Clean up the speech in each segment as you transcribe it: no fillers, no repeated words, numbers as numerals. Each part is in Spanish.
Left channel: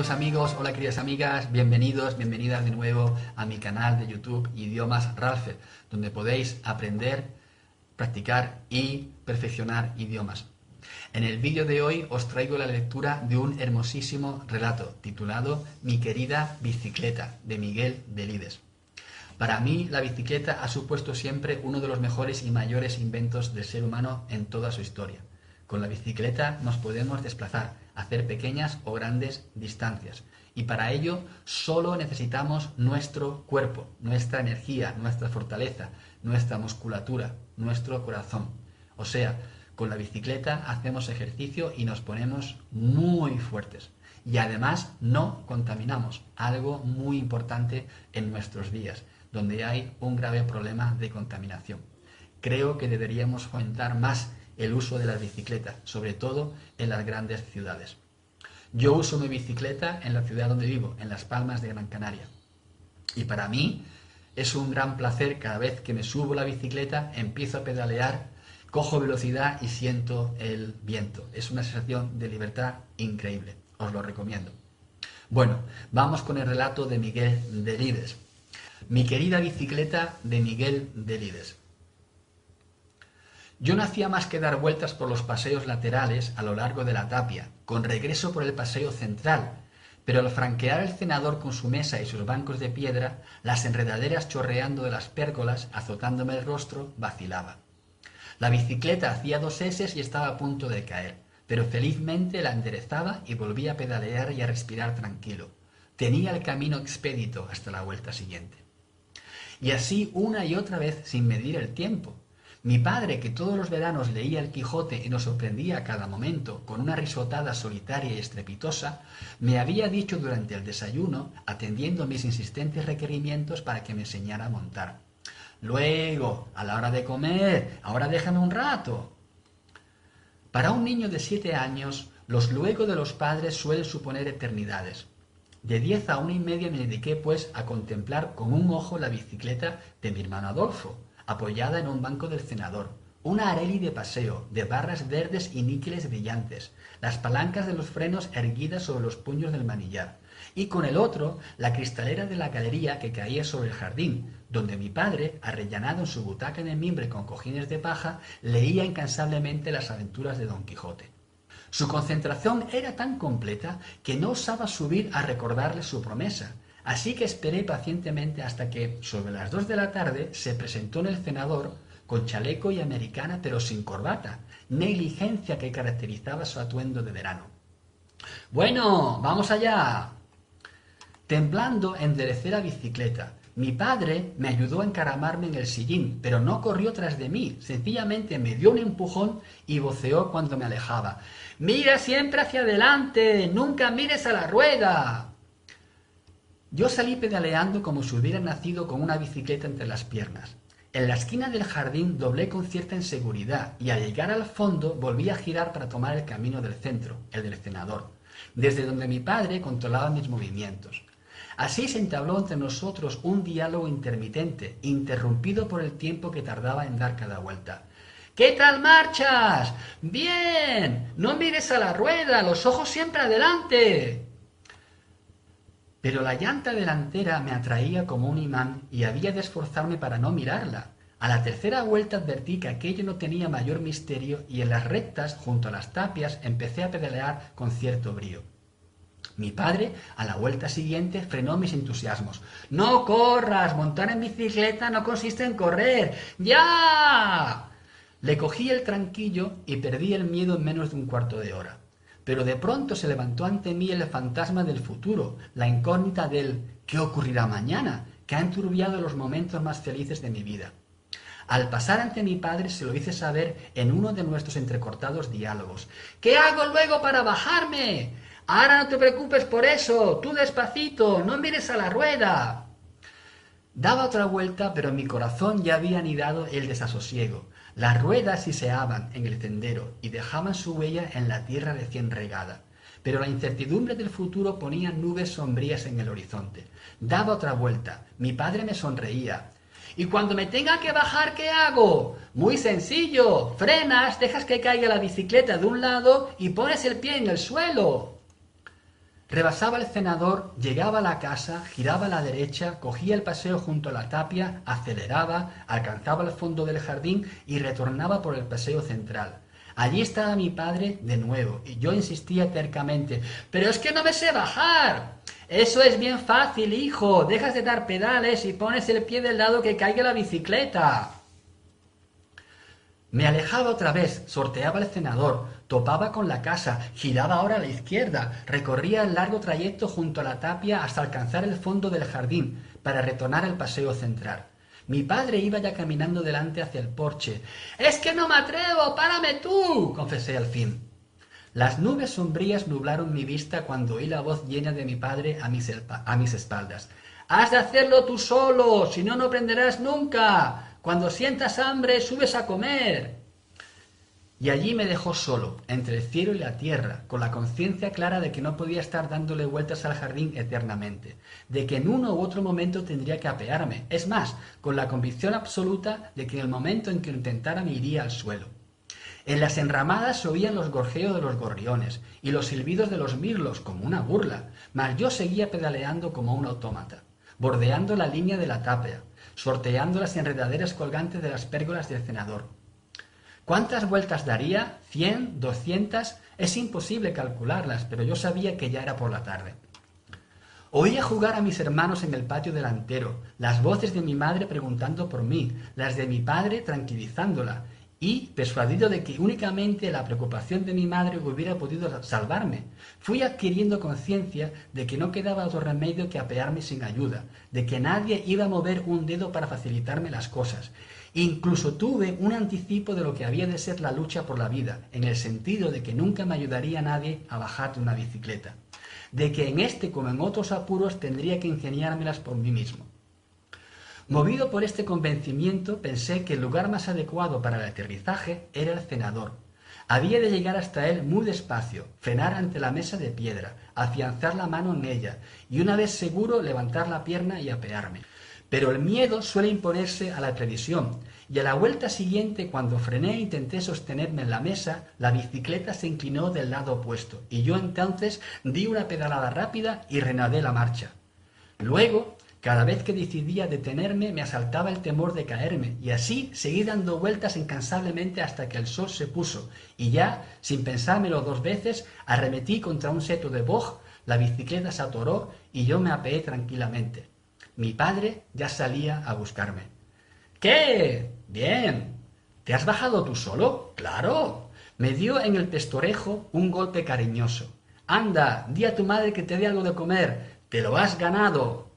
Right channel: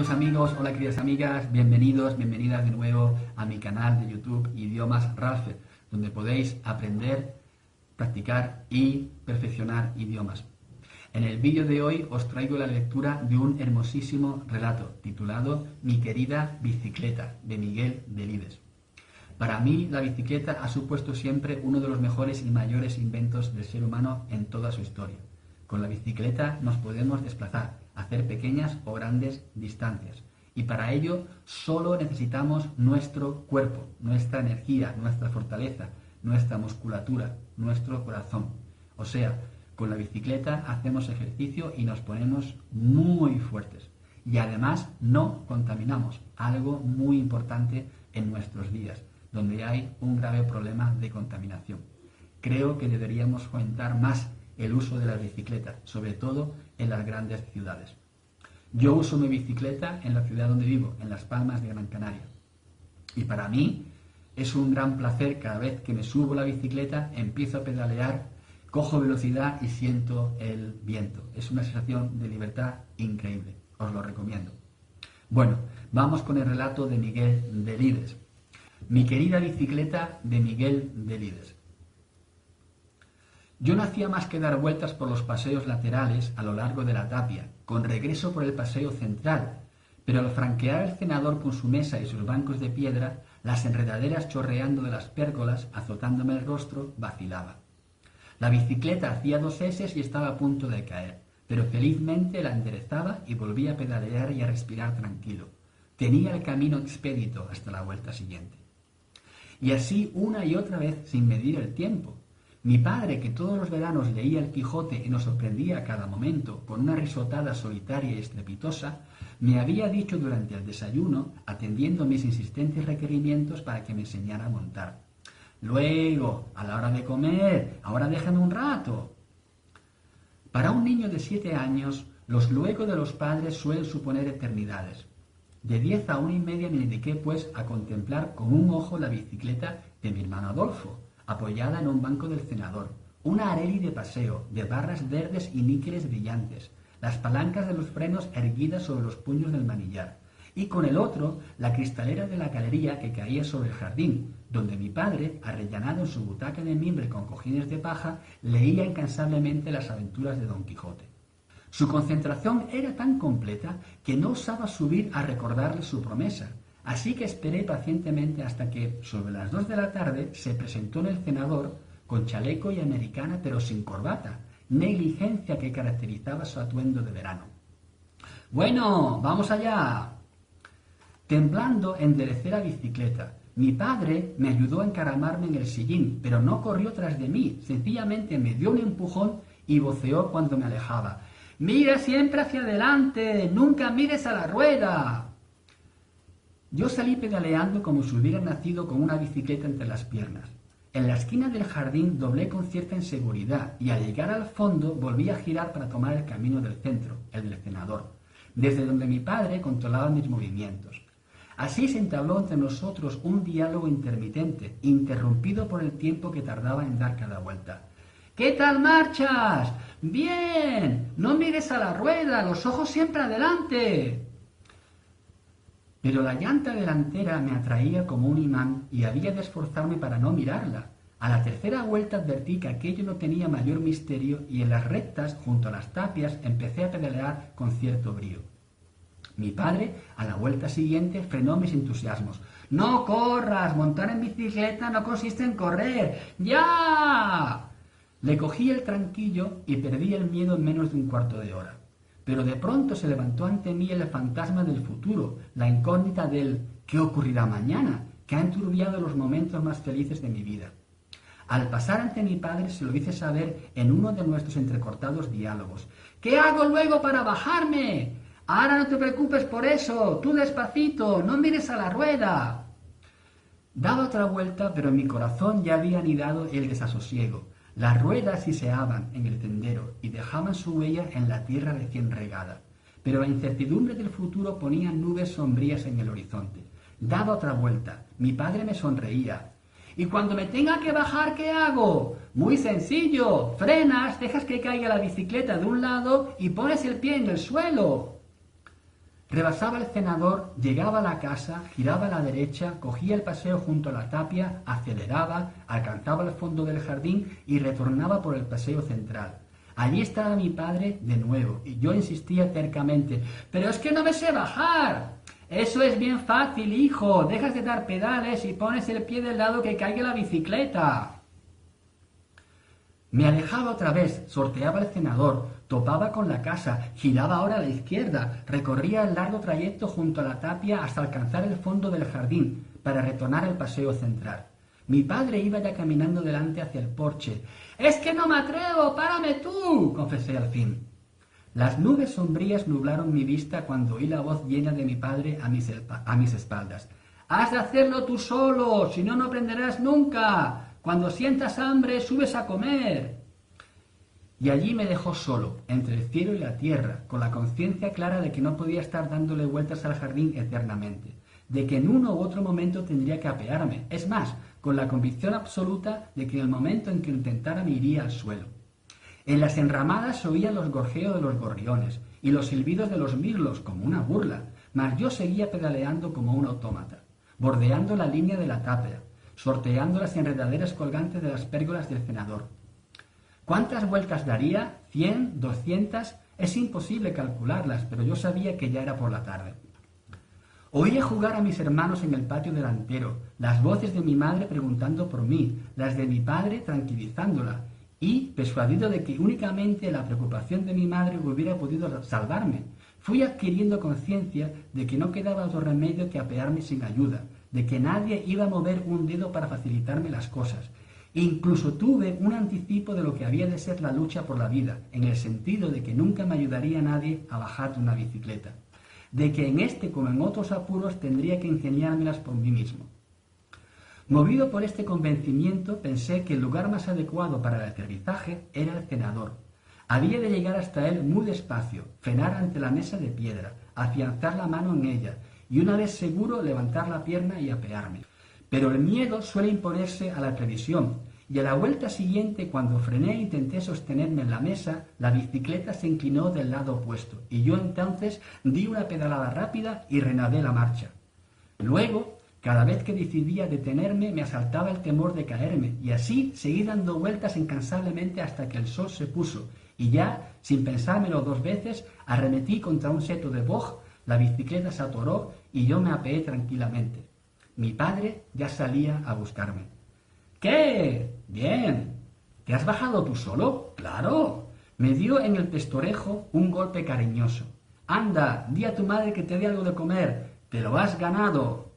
queridos amigos, hola queridas amigas, bienvenidos, bienvenidas de nuevo a mi canal de YouTube Idiomas Ralph, donde podéis aprender, practicar y perfeccionar idiomas. En el vídeo de hoy os traigo la lectura de un hermosísimo relato titulado Mi querida bicicleta, de Miguel Delibes. Para mí, la bicicleta ha supuesto siempre uno de los mejores y mayores inventos del ser humano en toda su historia. Con la bicicleta nos podemos desplazar, hacer pequeñas o grandes distancias. Y para ello solo necesitamos nuestro cuerpo, nuestra energía, nuestra fortaleza, nuestra musculatura, nuestro corazón. O sea, con la bicicleta hacemos ejercicio y nos ponemos muy fuertes. Y además no contaminamos, algo muy importante en nuestros días, donde hay un grave problema de contaminación. Creo que deberíamos fomentar más el uso de la bicicleta, sobre todo en las grandes ciudades. Yo uso mi bicicleta en la ciudad donde vivo, en Las Palmas de Gran Canaria. Y para mí es un gran placer cada vez que me subo la bicicleta, empiezo a pedalear, cojo velocidad y siento el viento. Es una sensación de libertad increíble, os lo recomiendo. Bueno, vamos con el relato de Miguel Delibes. Mi querida bicicleta, de Miguel Delibes. Yo no hacía más que dar vueltas por los paseos laterales a lo largo de la tapia, con regreso por el paseo central, pero al franquear el cenador con su mesa y sus bancos de piedra, las enredaderas chorreando de las pérgolas, azotándome el rostro, vacilaban. La bicicleta hacía 2 eses y estaba a punto de caer, pero felizmente la enderezaba y volvía a pedalear y a respirar tranquilo. Tenía el camino expedito hasta la vuelta siguiente. Y así una y otra vez sin medir el tiempo. Mi padre, que todos los veranos leía El Quijote y nos sorprendía a cada momento con una risotada solitaria y estrepitosa, me había dicho durante el desayuno, atendiendo mis insistentes requerimientos para que me enseñara a montar. Luego, a la hora de comer, ahora déjame un rato. Para un niño de 7 años, los luego de los padres suelen suponer eternidades. De 10 a 1:30 me dediqué, pues, a contemplar con un ojo la bicicleta de mi hermano Adolfo, apoyada en un banco del cenador, una Arelli de paseo, de barras verdes y níqueles brillantes, las palancas de los frenos erguidas sobre los puños del manillar, y con el otro, la cristalera de la galería que caía sobre el jardín, donde mi padre, arrellanado en su butaca de mimbre con cojines de paja, leía incansablemente las aventuras de Don Quijote. Su concentración era tan completa que no osaba subir a recordarle su promesa, así que esperé pacientemente hasta que, sobre las 2 de la tarde, se presentó en el cenador con chaleco y americana pero sin corbata, negligencia que caracterizaba su atuendo de verano. «Bueno, vamos allá». Temblando, enderecé la bicicleta. Mi padre me ayudó a encaramarme en el sillín, pero no corrió tras de mí, sencillamente me dio un empujón y voceó cuando me alejaba. «¡Mira siempre hacia adelante! ¡Nunca mires a la rueda!». Yo salí pedaleando como si hubiera nacido con una bicicleta entre las piernas. En la esquina del jardín doblé con cierta inseguridad y al llegar al fondo volví a girar para tomar el camino del centro, el del cenador, desde donde mi padre controlaba mis movimientos. Así se entabló entre nosotros un diálogo intermitente, interrumpido por el tiempo que tardaba en dar cada vuelta. «¿Qué tal marchas? ¡Bien! No mires a la rueda, los ojos siempre adelante». Pero la llanta delantera me atraía como un imán y había de esforzarme para no mirarla. A la tercera vuelta advertí que aquello no tenía mayor misterio y en las rectas, junto a las tapias, empecé a pedalear con cierto brío. Mi padre, a la vuelta siguiente, frenó mis entusiasmos. «¡No corras! Montar en bicicleta no consiste en correr. ¡Ya!». Le cogí el tranquillo y perdí el miedo en menos de un cuarto de hora. Pero de pronto se levantó ante mí el fantasma del futuro, la incógnita del «¿qué ocurrirá mañana?», que ha enturbiado los momentos más felices de mi vida. Al pasar ante mi padre se lo hice saber en uno de nuestros entrecortados diálogos. «¿Qué hago luego para bajarme? Ahora no te preocupes por eso, tú despacito, no mires a la rueda». Daba otra vuelta, pero en mi corazón ya había anidado el desasosiego. Las ruedas siseaban en el sendero y dejaban su huella en la tierra recién regada. Pero la incertidumbre del futuro ponía nubes sombrías en el horizonte. Daba otra vuelta. Mi padre me sonreía. «¿Y cuando me tenga que bajar, qué hago? Muy sencillo. Frenas, dejas que caiga la bicicleta de un lado y pones el pie en el suelo». Rebasaba el cenador, llegaba a la casa, giraba a la derecha, cogía el paseo junto a la tapia, aceleraba, alcanzaba el fondo del jardín y retornaba por el paseo central. Allí estaba mi padre de nuevo, y yo insistía tercamente: «¡Pero es que no me sé bajar!». «Eso es bien fácil, hijo, dejas de dar pedales y pones el pie del lado que caiga la bicicleta». Me alejaba otra vez, sorteaba el cenador, topaba con la casa, giraba ahora a la izquierda, recorría el largo trayecto junto a la tapia hasta alcanzar el fondo del jardín para retornar al paseo central. Mi padre iba ya caminando delante hacia el porche. «¡Es que no me atrevo! ¡Párame tú!», confesé al fin. Las nubes sombrías nublaron mi vista cuando oí la voz llena de mi padre a mis espaldas. «¡Has de hacerlo tú solo! ¡Si no, no aprenderás nunca! Cuando sientas hambre, subes a comer». Y allí me dejó solo, entre el cielo y la tierra, con la conciencia clara de que no podía estar dándole vueltas al jardín eternamente, de que en uno u otro momento tendría que apearme, es más, con la convicción absoluta de que en el momento en que lo intentara me iría al suelo. En las enramadas se oían los gorjeos de los gorriones y los silbidos de los mirlos, como una burla, mas yo seguía pedaleando como un autómata, bordeando la línea de la tapia, sorteando las enredaderas colgantes de las pérgolas del cenador. ¿Cuántas vueltas daría? ¿100? ¿200? Es imposible calcularlas, pero yo sabía que ya era por la tarde. Oía jugar a mis hermanos en el patio delantero, las voces de mi madre preguntando por mí, las de mi padre tranquilizándola, y, persuadido de que únicamente la preocupación de mi madre hubiera podido salvarme, fui adquiriendo conciencia de que no quedaba otro remedio que apearme sin ayuda, de que nadie iba a mover un dedo para facilitarme las cosas. Incluso tuve un anticipo de lo que había de ser la lucha por la vida, en el sentido de que nunca me ayudaría nadie a bajar de una bicicleta, de que en este como en otros apuros tendría que ingeniármelas por mí mismo. Movido por este convencimiento, pensé que el lugar más adecuado para el aterrizaje era el cenador. Había de llegar hasta él muy despacio, frenar ante la mesa de piedra, afianzar la mano en ella y una vez seguro levantar la pierna y apearme. Pero el miedo suele imponerse a la previsión, y a la vuelta siguiente, cuando frené e intenté sostenerme en la mesa, la bicicleta se inclinó del lado opuesto, y yo entonces di una pedalada rápida y renadé la marcha. Luego, cada vez que decidía detenerme, me asaltaba el temor de caerme, y así seguí dando vueltas incansablemente hasta que el sol se puso, y ya, sin pensármelo 2 veces, arremetí contra un seto de boj, la bicicleta se atoró y yo me apeé tranquilamente. Mi padre ya salía a buscarme. «¿Qué? Bien. ¿Te has bajado tú solo? ¡Claro!». Me dio en el pestorejo un golpe cariñoso. «Anda, di a tu madre que te dé algo de comer. Te lo has ganado».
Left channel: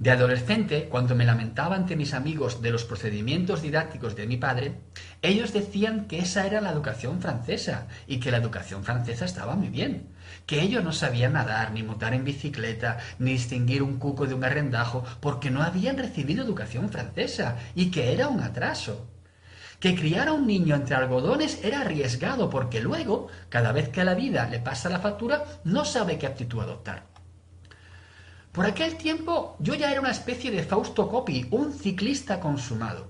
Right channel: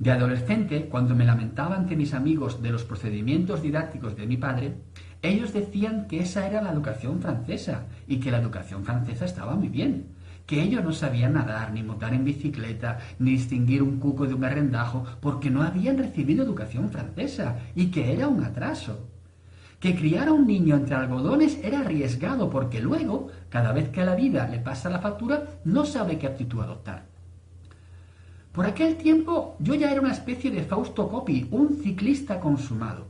De adolescente, cuando me lamentaba ante mis amigos de los procedimientos didácticos de mi padre, ellos decían que esa era la educación francesa y que la educación francesa estaba muy bien, que ellos no sabían nadar, ni montar en bicicleta, ni distinguir un cuco de un arrendajo, porque no habían recibido educación francesa y que era un atraso. Que criar a un niño entre algodones era arriesgado porque luego, cada vez que a la vida le pasa la factura, no sabe qué actitud adoptar. Por aquel tiempo yo ya era una especie de Fausto Coppi, un ciclista consumado.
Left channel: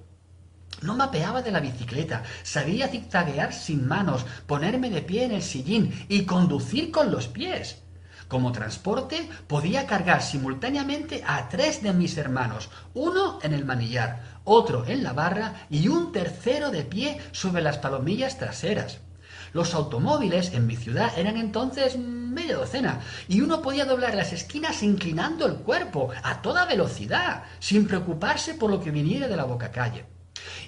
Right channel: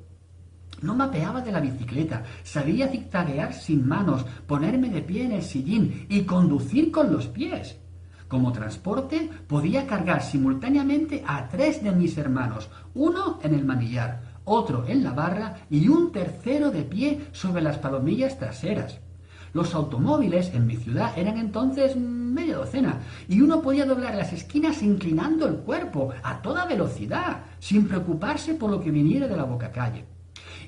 No mapeaba de la bicicleta, sabía zigzaguear sin manos, ponerme de pie en el sillín y conducir con los pies. Como transporte podía cargar simultáneamente a 3 de mis hermanos, uno en el manillar, otro en la barra y un tercero de pie sobre las palomillas traseras. Los automóviles en mi ciudad eran entonces media docena y uno podía doblar las esquinas inclinando el cuerpo a toda velocidad, sin preocuparse por lo que viniera de la bocacalle.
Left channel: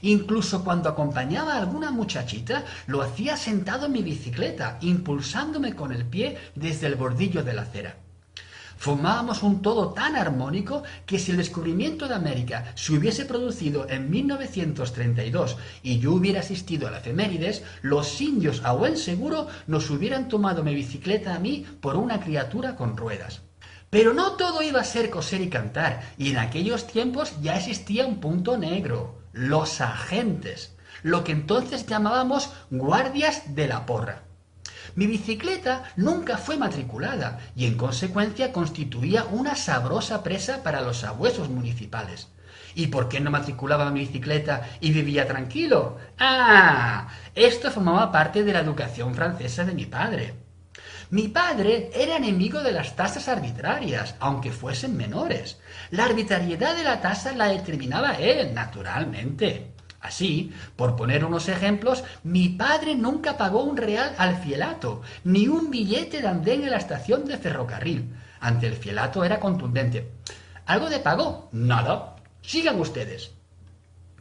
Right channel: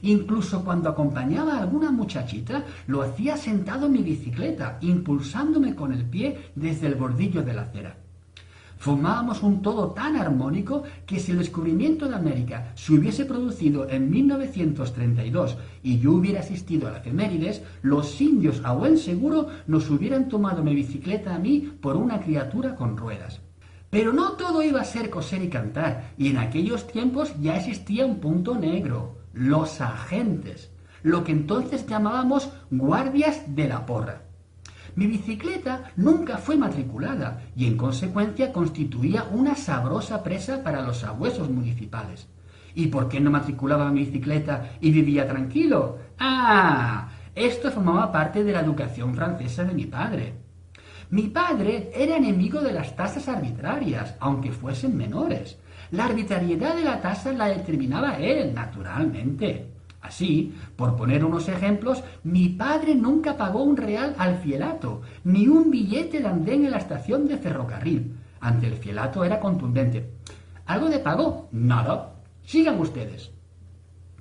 Incluso cuando acompañaba a alguna muchachita, lo hacía sentado en mi bicicleta, impulsándome con el pie desde el bordillo de la acera. Formábamos un todo tan armónico que si el descubrimiento de América se hubiese producido en 1932 y yo hubiera asistido a la efemérides, los indios a buen seguro nos hubieran tomado mi bicicleta a mí por una criatura con ruedas. Pero no todo iba a ser coser y cantar, y en aquellos tiempos ya existía un punto negro: los agentes, lo que entonces llamábamos guardias de la porra. Mi bicicleta nunca fue matriculada y en consecuencia constituía una sabrosa presa para los sabuesos municipales. ¿Y por qué no matriculaba mi bicicleta y vivía tranquilo? ¡Ah! Esto formaba parte de la educación francesa de mi padre. Mi padre era enemigo de las tasas arbitrarias, aunque fuesen menores. La arbitrariedad de la tasa la determinaba él, naturalmente. Así, por poner unos ejemplos, mi padre nunca pagó un real al fielato, ni un billete de andén en la estación de ferrocarril. Ante el fielato era contundente. ¿Algo de pago? Nada. Sigan ustedes.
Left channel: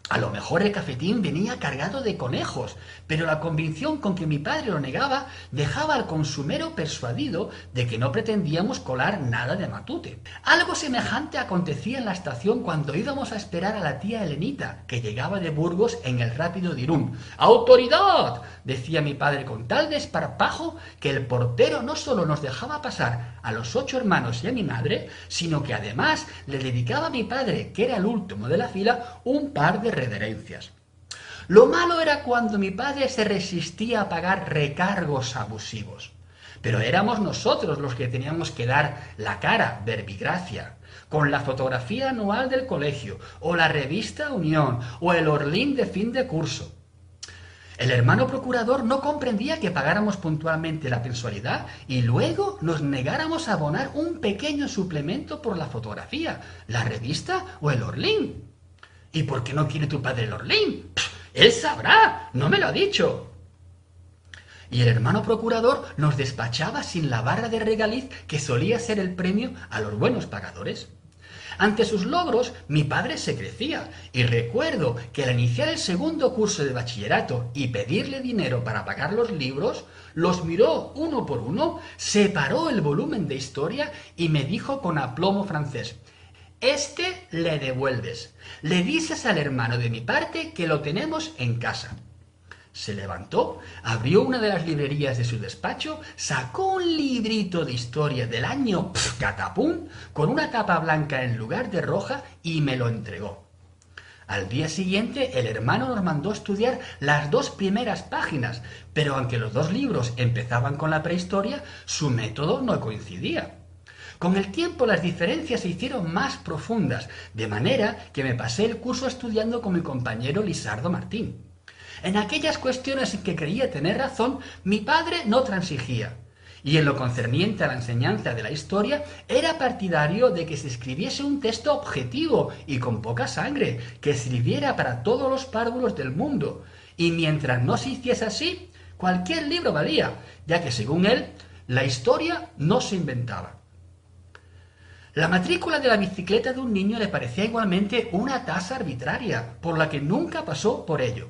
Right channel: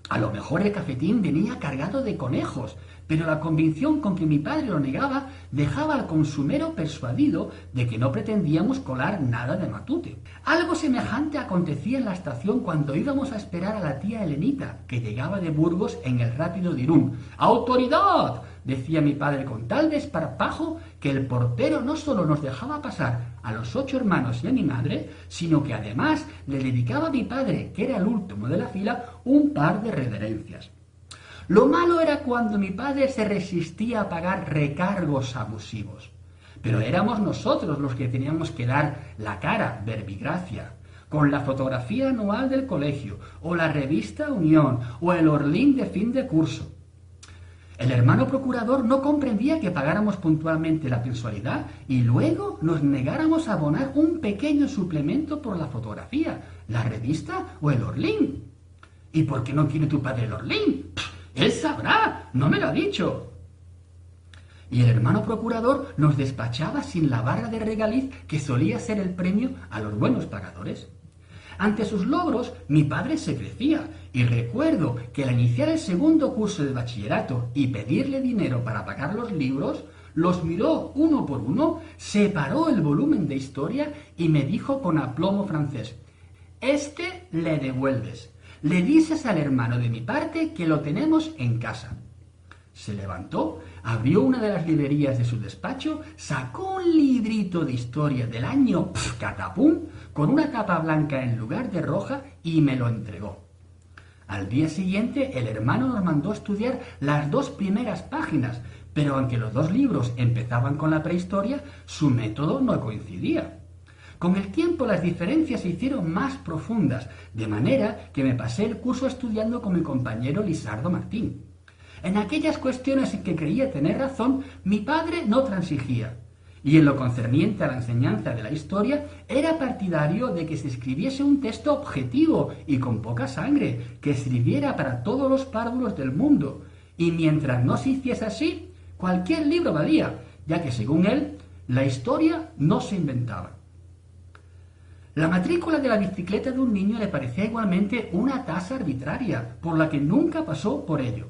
A lo mejor el cafetín venía cargado de conejos, pero la convicción con que mi padre lo negaba dejaba al consumero persuadido de que no pretendíamos colar nada de matute. Algo semejante acontecía en la estación cuando íbamos a esperar a la tía Elenita, que llegaba de Burgos en el rápido de Irún. ¡Autoridad!, decía mi padre con tal desparpajo que el portero no solo nos dejaba pasar a los 8 hermanos y a mi madre, sino que además le dedicaba a mi padre, que era el último de la fila, un par de reverencias. Lo malo era cuando mi padre se resistía a pagar recargos abusivos. Pero éramos nosotros los que teníamos que dar la cara, verbigracia, con la fotografía anual del colegio, o la revista Unión, o el Orlín de fin de curso. El hermano procurador no comprendía que pagáramos puntualmente la mensualidad y luego nos negáramos a abonar un pequeño suplemento por la fotografía, la revista o el Orlín. ¿Y por qué no quiere tu padre el Orlín? Él sabrá, no me lo ha dicho. Y el hermano procurador nos despachaba sin la barra de regaliz que solía ser el premio a los buenos pagadores. Ante sus logros, mi padre se crecía, y recuerdo que al iniciar el segundo curso de bachillerato y pedirle dinero para pagar los libros, los miró uno por uno, separó el volumen de historia y me dijo con aplomo francés: «Este le devuelves. Le dices al hermano de mi parte que lo tenemos en casa». Se levantó, abrió una de las librerías de su despacho, sacó un librito de historia del año catapum, con una tapa blanca en lugar de roja, y me lo entregó. Al día siguiente el hermano nos mandó a estudiar las 2 primeras páginas, pero aunque los 2 libros empezaban con la prehistoria, su método no coincidía. Con el tiempo las diferencias se hicieron más profundas, de manera que me pasé el curso estudiando con mi compañero Lisardo Martín. En aquellas cuestiones en que creía tener razón, mi padre no transigía, y en lo concerniente a la enseñanza de la historia, era partidario de que se escribiese un texto objetivo y con poca sangre, que sirviera para todos los párvulos del mundo, y mientras no se hiciese así, cualquier libro valía, ya que según él, la historia no se inventaba. La matrícula de la bicicleta de un niño le parecía igualmente una tasa arbitraria, por la que nunca pasó por ello.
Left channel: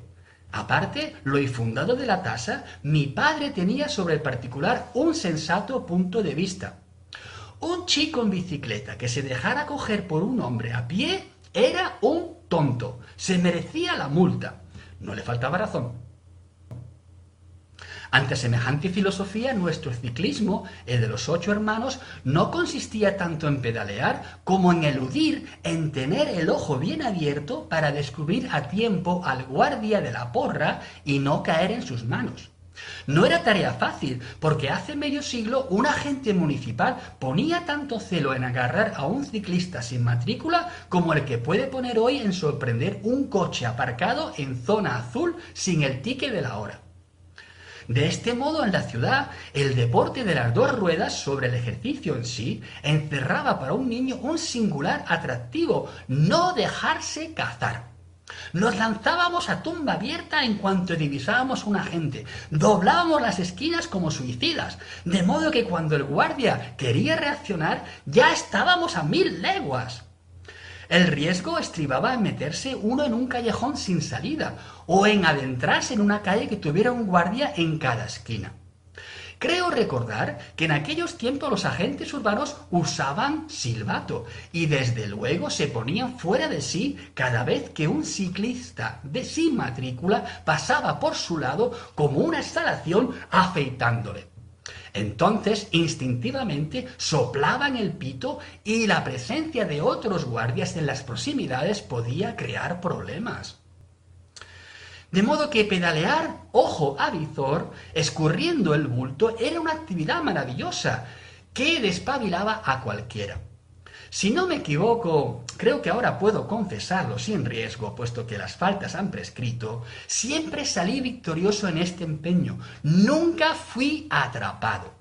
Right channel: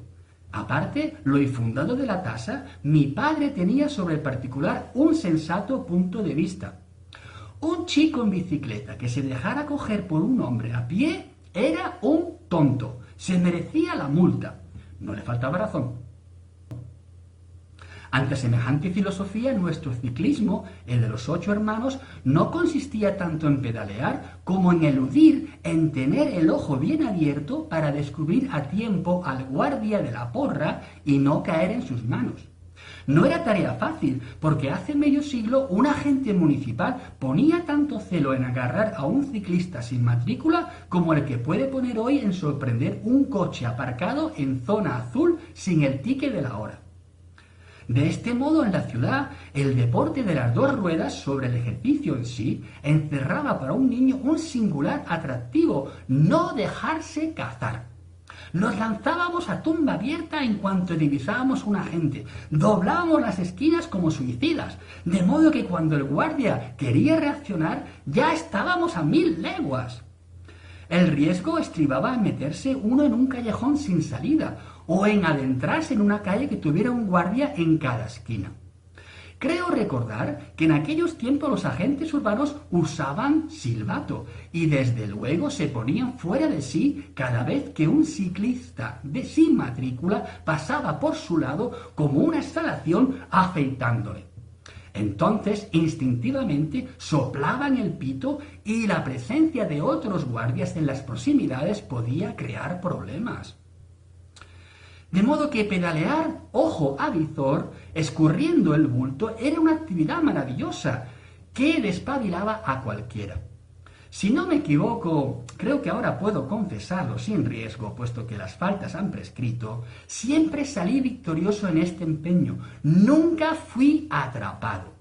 Aparte, lo infundado de la tasa, mi padre tenía sobre el particular un sensato punto de vista. Un chico en bicicleta que se dejara coger por un hombre a pie era un tonto, se merecía la multa. No le faltaba razón. Ante semejante filosofía, nuestro ciclismo, el de los 8 hermanos, no consistía tanto en pedalear como en eludir, en tener el ojo bien abierto para descubrir a tiempo al guardia de la porra y no caer en sus manos. No era tarea fácil, porque hace medio siglo un agente municipal ponía tanto celo en agarrar a un ciclista sin matrícula como el que puede poner hoy en sorprender un coche aparcado en zona azul sin el ticket de la hora. De este modo, en la ciudad, el deporte de las 2 ruedas sobre el ejercicio en sí encerraba para un niño un singular atractivo: no dejarse cazar. Nos lanzábamos a tumba abierta en cuanto divisábamos un agente, doblábamos las esquinas como suicidas, de modo que cuando el guardia quería reaccionar ya estábamos a 1000 leguas. El riesgo estribaba en meterse uno en un callejón sin salida, o en adentrarse en una calle que tuviera un guardia en cada esquina. Creo recordar que en aquellos tiempos los agentes urbanos usaban silbato y desde luego se ponían fuera de sí cada vez que un ciclista sin matrícula pasaba por su lado como una instalación afeitándole. Entonces, instintivamente, soplaban el pito y la presencia de otros guardias en las proximidades podía crear problemas. De modo que pedalear ojo a visor, escurriendo el bulto, era una actividad maravillosa que despabilaba a cualquiera. Si no me equivoco, creo que ahora puedo confesarlo sin riesgo, puesto que las faltas han prescrito, siempre salí victorioso en este empeño, nunca fui atrapado.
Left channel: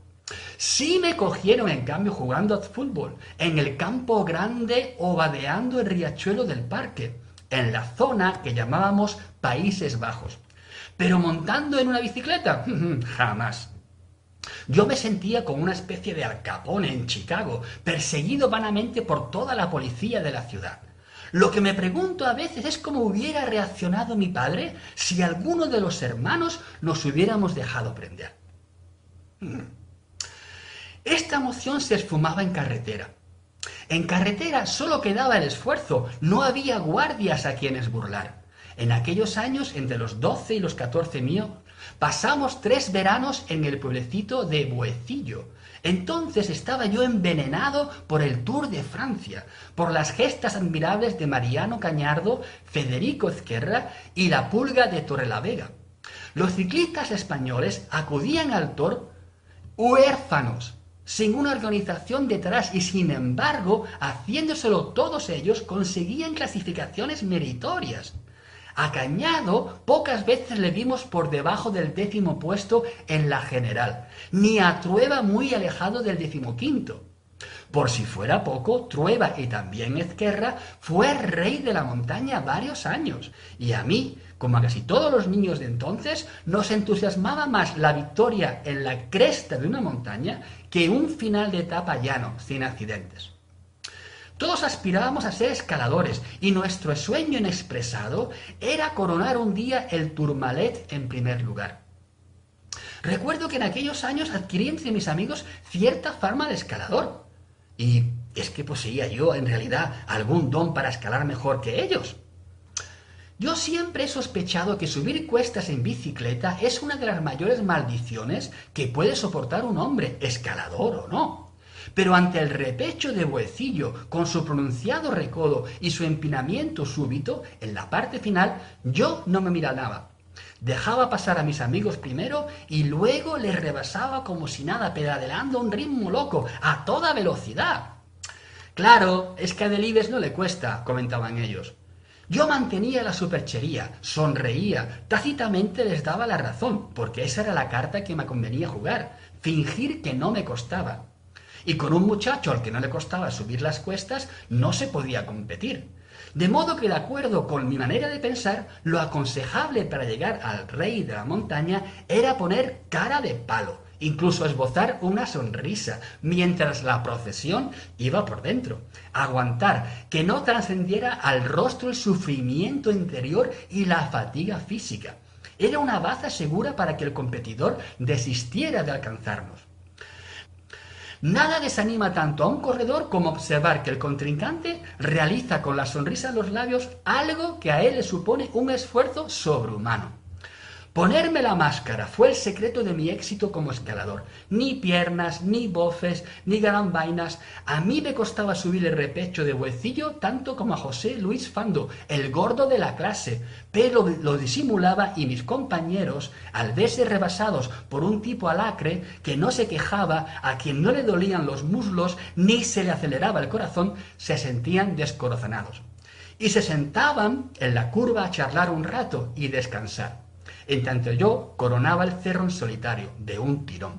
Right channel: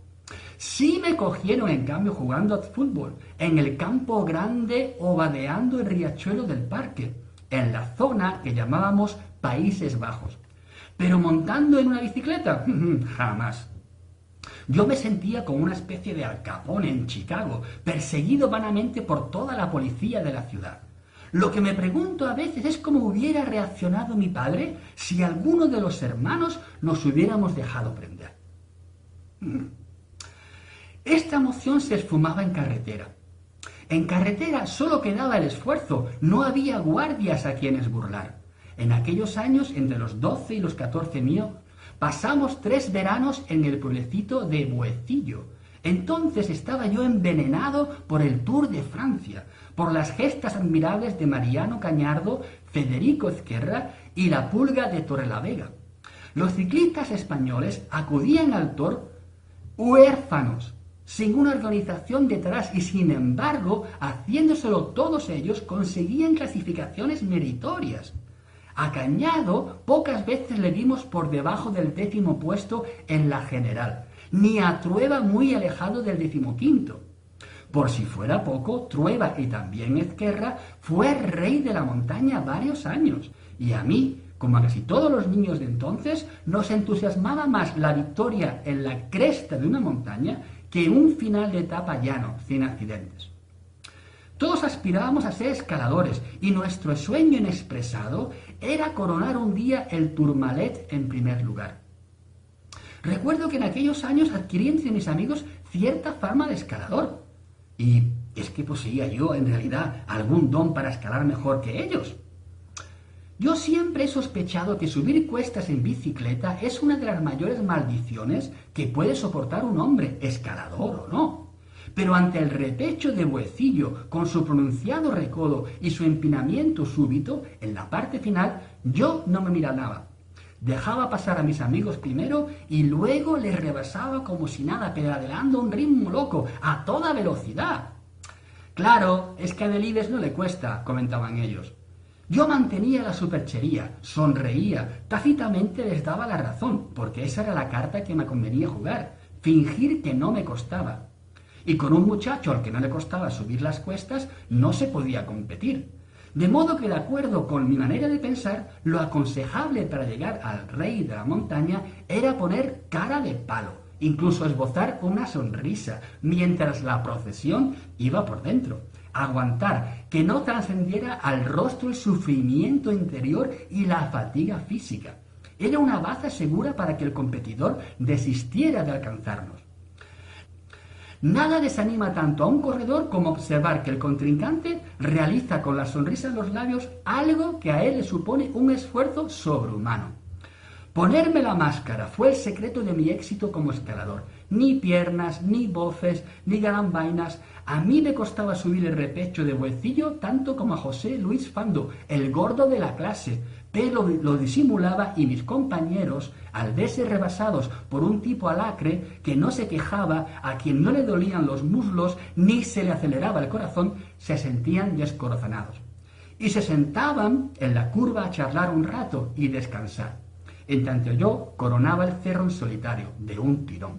Sí me cogieron, en cambio, jugando al fútbol, en el campo grande o vadeando el riachuelo del parque, en la zona que llamábamos Países Bajos. Pero montando en una bicicleta, jamás. Yo me sentía como una especie de Al Capone en Chicago, perseguido vanamente por toda la policía de la ciudad. Lo que me pregunto a veces es cómo hubiera reaccionado mi padre si alguno de los hermanos nos hubiéramos dejado prender. Esta emoción se esfumaba en carretera. En carretera solo quedaba el esfuerzo, no había guardias a quienes burlar. En aquellos años, entre los 12 y los 14 míos, pasamos 3 veranos en el pueblecito de Buecillo. Entonces estaba yo envenenado por el Tour de Francia, por las gestas admirables de Mariano Cañardo, Federico Ezquerra y la Pulga de Torrelavega. Los ciclistas españoles acudían al Tour huérfanos, sin una organización detrás, y sin embargo, haciéndoselo todos ellos, conseguían clasificaciones meritorias. A Cañado pocas veces le vimos por debajo del 10º puesto en la general, ni a Trueba muy alejado del 15º. Por si fuera poco, Trueba y también Ezquerra fue rey de la montaña varios años, y a mí, como a casi todos los niños de entonces, nos entusiasmaba más la victoria en la cresta de una montaña que un final de etapa llano, sin accidentes. Todos aspirábamos a ser escaladores y nuestro sueño inexpresado era coronar un día el Tourmalet en primer lugar. Recuerdo que en aquellos años adquirí entre mis amigos cierta fama de escalador. Y es que poseía yo, en realidad, algún don para escalar mejor que ellos. Yo siempre he sospechado que subir cuestas en bicicleta es una de las mayores maldiciones que puede soportar un hombre, escalador o no. Pero ante el repecho de Buecillo, con su pronunciado recodo y su empinamiento súbito, en la parte final, yo no me miraba. Dejaba pasar a mis amigos primero y luego les rebasaba como si nada, pedaleando a un ritmo loco, a toda velocidad. Claro, es que a Delibes no le cuesta, comentaban ellos. Yo mantenía la superchería, sonreía, tácitamente les daba la razón, porque esa era la carta que me convenía jugar, fingir que no me costaba. Y con un muchacho al que no le costaba subir las cuestas, no se podía competir. De modo que, de acuerdo con mi manera de pensar, lo aconsejable para llegar al rey de la montaña era poner cara de palo, incluso esbozar una sonrisa, mientras la procesión iba por dentro. Aguantar, que no trascendiera al rostro el sufrimiento interior y la fatiga física. Era una baza segura para que el competidor desistiera de alcanzarnos. Nada desanima tanto a un corredor como observar que el contrincante realiza con la sonrisa en los labios algo que a él le supone un esfuerzo sobrehumano. Ponerme la máscara fue el secreto de mi éxito como escalador. Ni piernas, ni bofes, ni galambainas. A mí me costaba subir el repecho de huecillo tanto como a José Luis Fando, el gordo de la clase, pero lo disimulaba y mis compañeros, al verse rebasados por un tipo alacre que no se quejaba, a quien no le dolían los muslos ni se le aceleraba el corazón, se sentían descorazonados. Y se sentaban en la curva a charlar un rato y descansar. En tanto yo coronaba el cerro en solitario, de un tirón.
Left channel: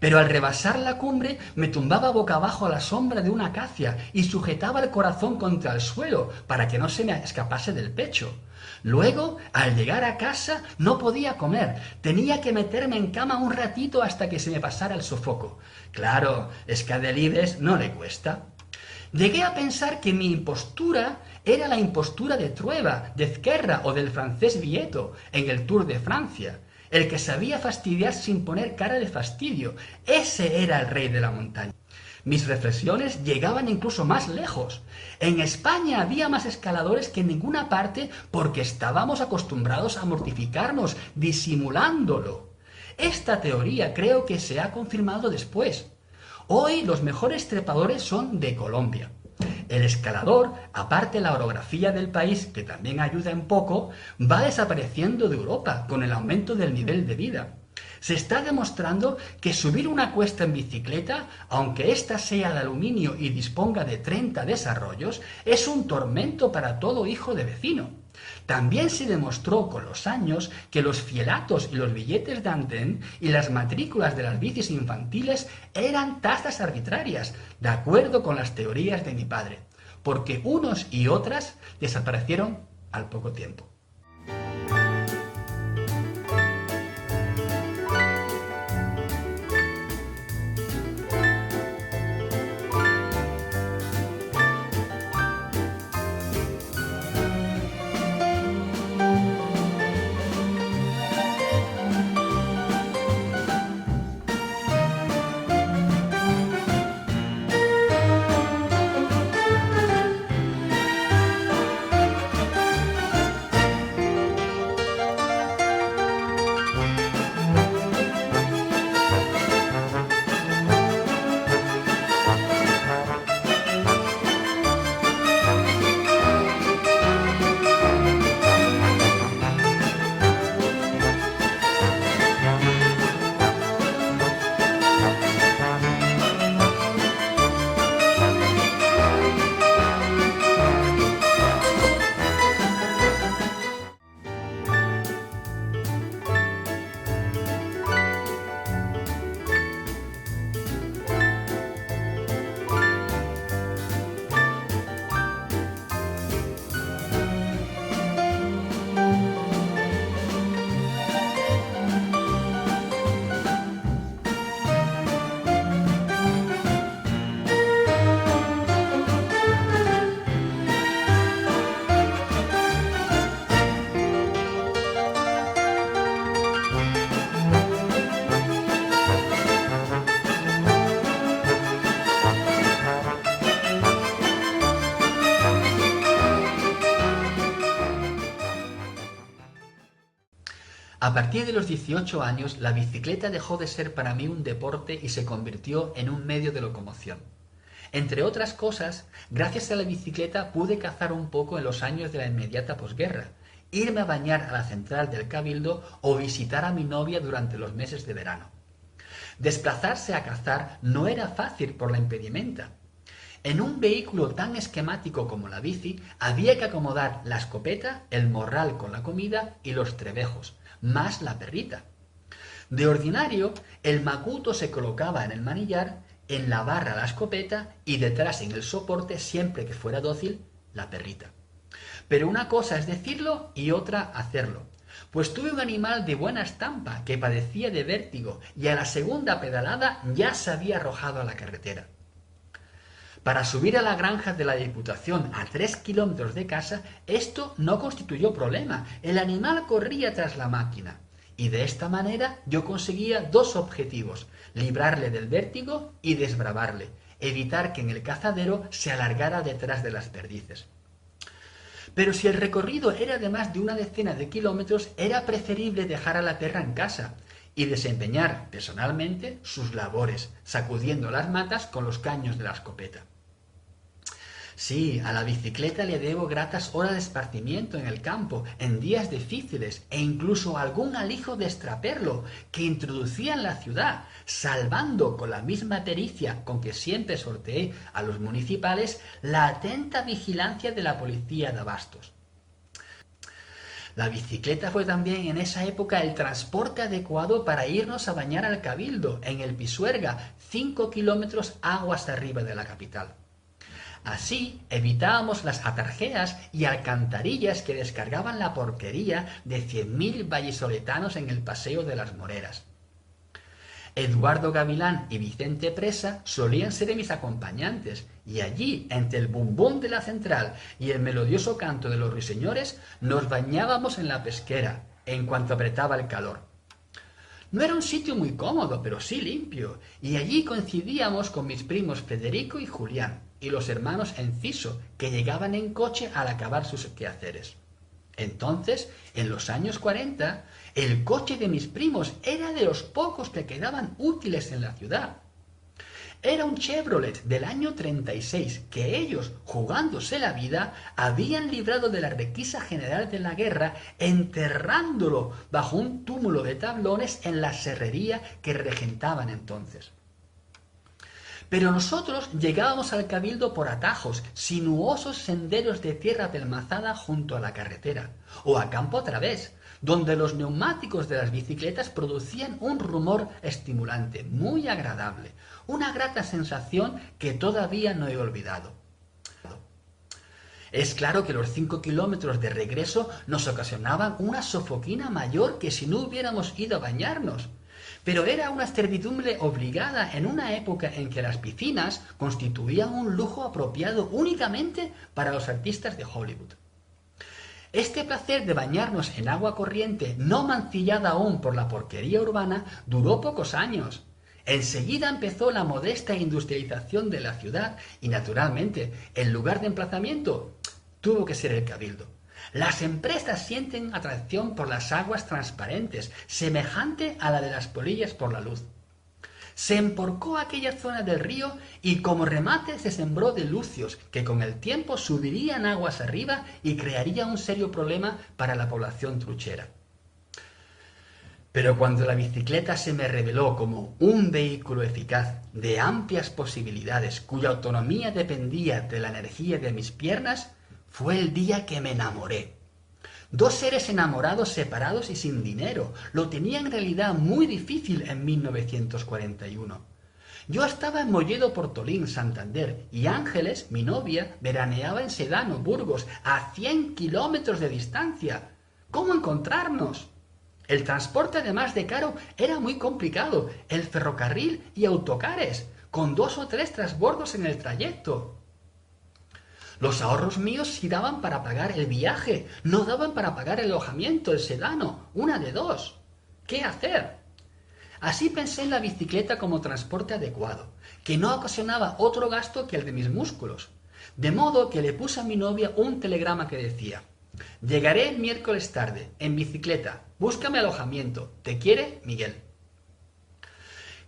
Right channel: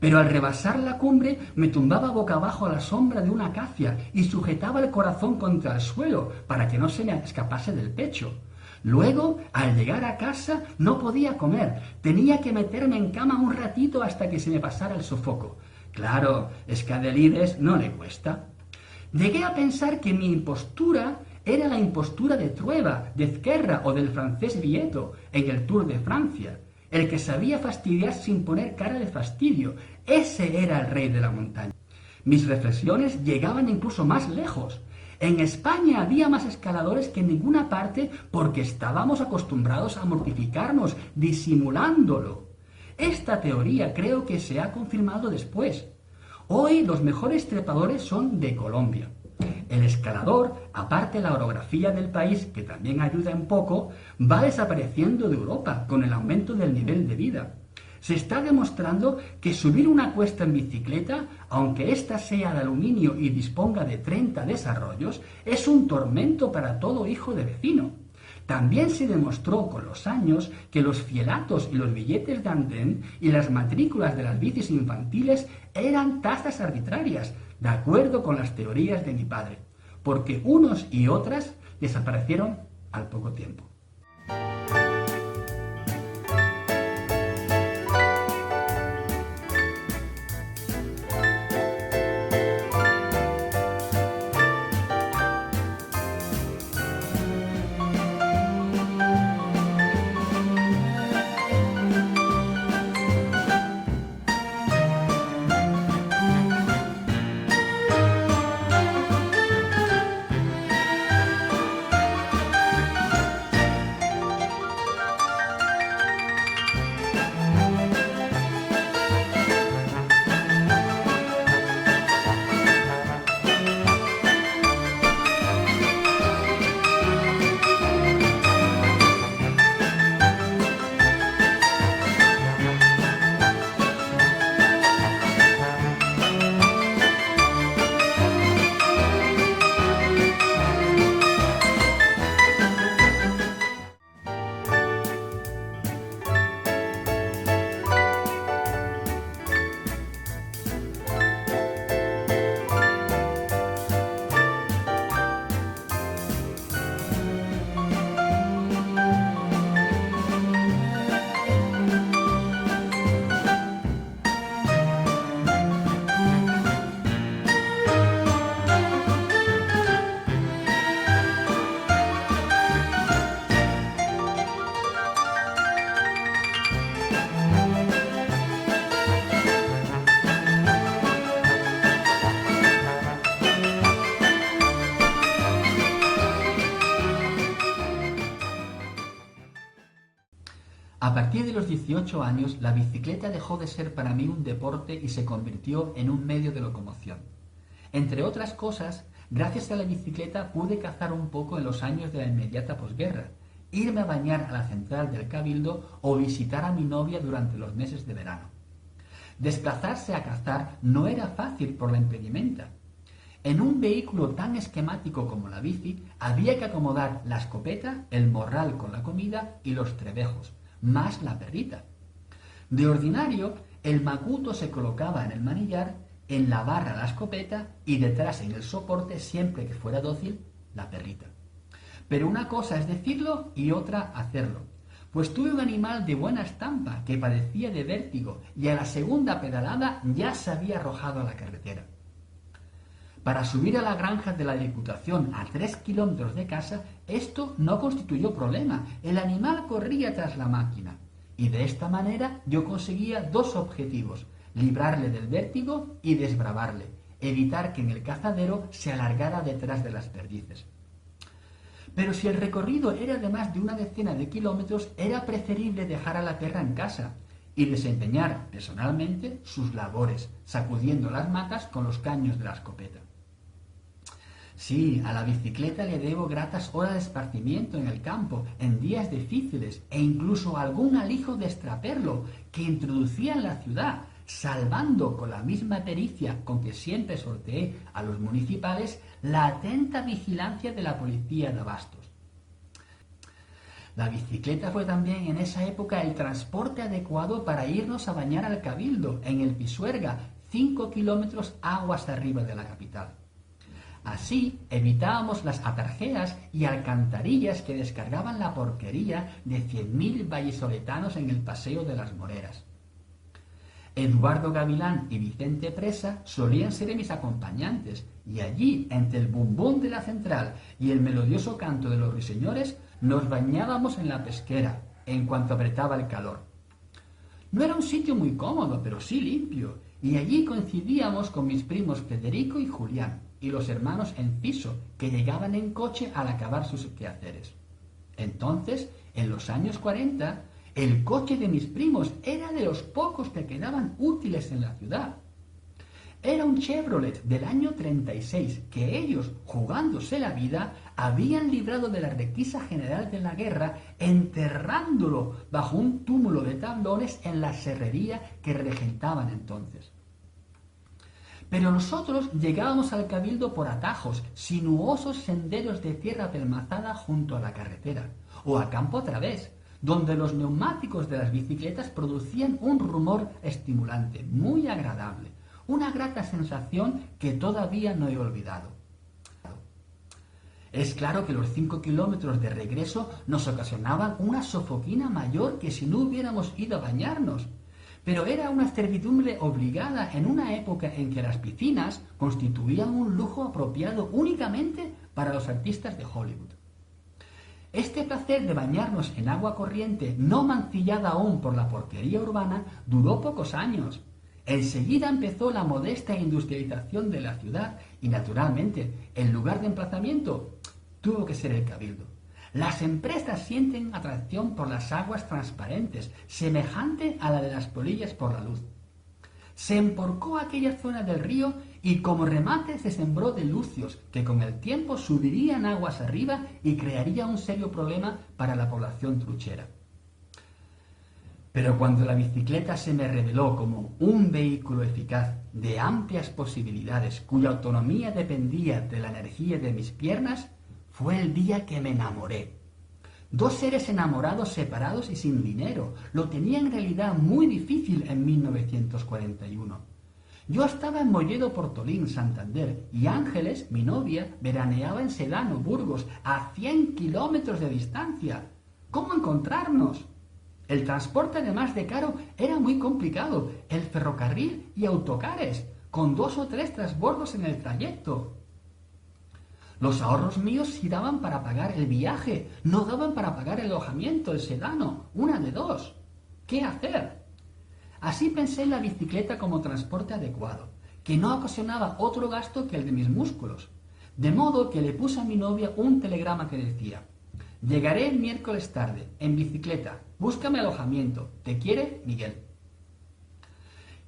Pero al rebasar la cumbre me tumbaba boca abajo a la sombra de una acacia y sujetaba el corazón contra el suelo para que no se me escapase del pecho. Luego, al llegar a casa, no podía comer. Tenía que meterme en cama un ratito hasta que se me pasara el sofoco. Claro, es que a Delibes no le cuesta. Llegué a pensar que mi impostura era la impostura de Trueba, de Ezquerra o del francés Vieto en el Tour de Francia. El que sabía fastidiar sin poner cara de fastidio. Ese era el rey de la montaña. Mis reflexiones llegaban incluso más lejos. En España había más escaladores que en ninguna parte porque estábamos acostumbrados a mortificarnos disimulándolo. Esta teoría creo que se ha confirmado después. Hoy los mejores trepadores son de Colombia. El escalador, aparte de la orografía del país, que también ayuda un poco, va desapareciendo de Europa con el aumento del nivel de vida. Se está demostrando que subir una cuesta en bicicleta, aunque ésta sea de aluminio y disponga de 30 desarrollos, es un tormento para todo hijo de vecino. También se demostró con los años que los fielatos y los billetes de andén y las matrículas de las bicis infantiles eran tasas arbitrarias, de acuerdo con las teorías de mi padre, porque unos y otras desaparecieron al poco tiempo. A partir de los 18 años, la bicicleta dejó de ser para mí un deporte y se convirtió en un medio de locomoción. Entre otras cosas, gracias a la bicicleta pude cazar un poco en los años de la inmediata posguerra, irme a bañar a la central del Cabildo o visitar a mi novia durante los meses de verano. Desplazarse a cazar no era fácil por la impedimenta. En un vehículo tan esquemático como la bici, había que acomodar la escopeta, el morral con la comida y los trebejos, más la perrita. De ordinario, el macuto se colocaba en el manillar, en la barra la escopeta y detrás en el soporte, siempre que fuera dócil, la perrita. Pero una cosa es decirlo y otra hacerlo. Pues tuve un animal de buena estampa que padecía de vértigo y a la segunda pedalada ya se había arrojado a la carretera. Para subir a la granja de la Diputación a 3 kilómetros de casa, esto no constituyó problema. El animal corría tras la máquina. Y de esta manera yo conseguía dos objetivos: librarle del vértigo y desbravarle, evitar que en el cazadero se alargara detrás de las perdices. Pero si el recorrido era de más de una decena de kilómetros, era preferible dejar a la perra en casa y desempeñar personalmente sus labores, sacudiendo las matas con los caños de la escopeta. Sí, a la bicicleta le debo gratas horas de esparcimiento en el campo, en días difíciles, e incluso algún alijo de extraperlo que introducía en la ciudad, salvando con la misma pericia con que siempre sorteé a los municipales la atenta vigilancia de la policía de abastos. La bicicleta fue también en esa época el transporte adecuado para irnos a bañar al Cabildo, en el Pisuerga, 5 kilómetros aguas arriba de la capital. Así evitábamos las atarjeas y alcantarillas que descargaban la porquería de 100.000 vallisoletanos en el Paseo de las Moreras. Eduardo Gavilán y Vicente Presa solían ser mis acompañantes, y allí, entre el bumbón de la central y el melodioso canto de los ruiseñores, nos bañábamos en la pesquera, en cuanto apretaba el calor. No era un sitio muy cómodo, pero sí limpio, y allí coincidíamos con mis primos Federico y Julián, y los hermanos Enciso, que llegaban en coche al acabar sus quehaceres. Entonces, en los años 40, el coche de mis primos era de los pocos que quedaban útiles en la ciudad. Era un Chevrolet del año 36 que ellos, jugándose la vida, habían librado de la requisa general de la guerra, enterrándolo bajo un túmulo de tablones en la serrería que regentaban entonces. Pero nosotros llegábamos al Cabildo por atajos, sinuosos senderos de tierra pelmazada junto a la carretera, o a campo a través, donde los neumáticos de las bicicletas producían un rumor estimulante, muy agradable, una grata sensación que todavía no he olvidado. Es claro que los 5 kilómetros de regreso nos ocasionaban una sofoquina mayor que si no hubiéramos ido a bañarnos. Pero era una servidumbre obligada en una época en que las piscinas constituían un lujo apropiado únicamente para los artistas de Hollywood. Este placer de bañarnos en agua corriente, no mancillada aún por la porquería urbana, duró pocos años. Enseguida empezó la modesta industrialización de la ciudad y, naturalmente, el lugar de emplazamiento tuvo que ser el Cabildo. Las empresas sienten atracción por las aguas transparentes, semejante a la de las polillas por la luz. Se emporcó aquella zona del río y como remate se sembró de lucios que con el tiempo subirían aguas arriba y crearía un serio problema para la población truchera. Pero cuando la bicicleta se me reveló como un vehículo eficaz de amplias posibilidades cuya autonomía dependía de la energía de mis piernas, fue el día que me enamoré. Dos seres enamorados, separados y sin dinero. Lo tenía en realidad muy difícil en 1941. Yo estaba en Molledo Portolín, Santander, y Ángeles, mi novia, veraneaba en Sedano, Burgos, a 100 kilómetros de distancia. ¿Cómo encontrarnos? El transporte, además de caro, era muy complicado. El ferrocarril y autocares, con 2 o 3 transbordos en el trayecto. Los ahorros míos sí daban para pagar el viaje, no daban para pagar el alojamiento, el sedano, una de dos. ¿Qué hacer? Así pensé en la bicicleta como transporte adecuado, que no ocasionaba otro gasto que el de mis músculos. De modo que le puse a mi novia un telegrama que decía: llegaré el miércoles tarde, en bicicleta, búscame alojamiento, te quiere Miguel.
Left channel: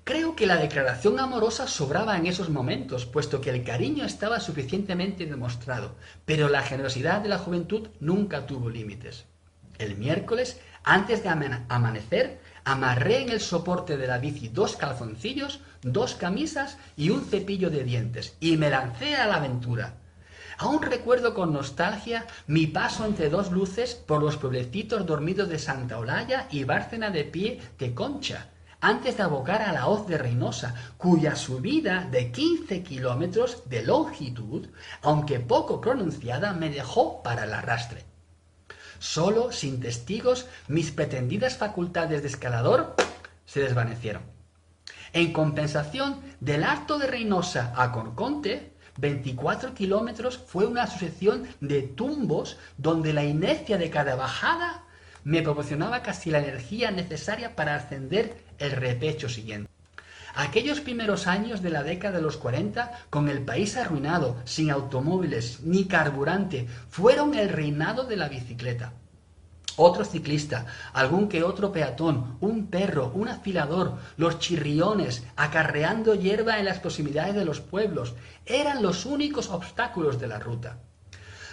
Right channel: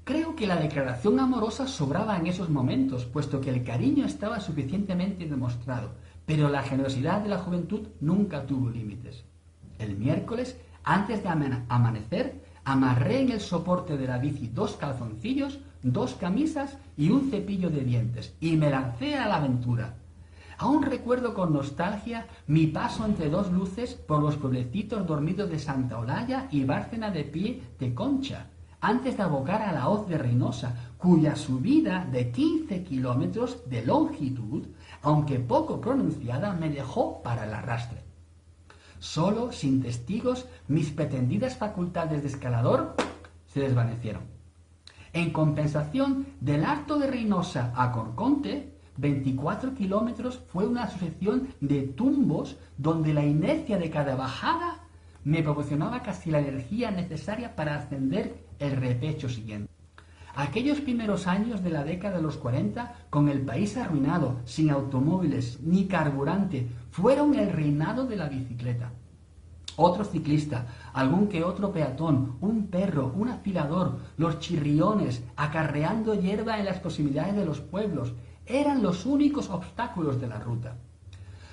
Creo que la declaración amorosa sobraba en esos momentos, puesto que el cariño estaba suficientemente demostrado, pero la generosidad de la juventud nunca tuvo límites. El miércoles, antes de amanecer, amarré en el soporte de la bici 2 calzoncillos, 2 camisas y un cepillo de dientes, y me lancé a la aventura. Aún recuerdo con nostalgia mi paso entre 2 luces por los pueblecitos dormidos de Santa Olalla y Bárcena de Pie de Concha, antes de abocar a la hoz de Reynosa, cuya subida de 15 kilómetros de longitud, aunque poco pronunciada, me dejó para el arrastre. Solo, sin testigos, mis pretendidas facultades de escalador se desvanecieron. En compensación, del Alto de Reynosa a Corconte, 24 kilómetros fue una sucesión de tumbos donde la inercia de cada bajada me proporcionaba casi la energía necesaria para ascender el repecho siguiente. Aquellos primeros años de la década de los 40, con el país arruinado, sin automóviles ni carburante, fueron el reinado de la bicicleta. Otro ciclista, algún que otro peatón, un perro, un afilador, los chirriones, acarreando hierba en las proximidades de los pueblos, eran los únicos obstáculos de la ruta.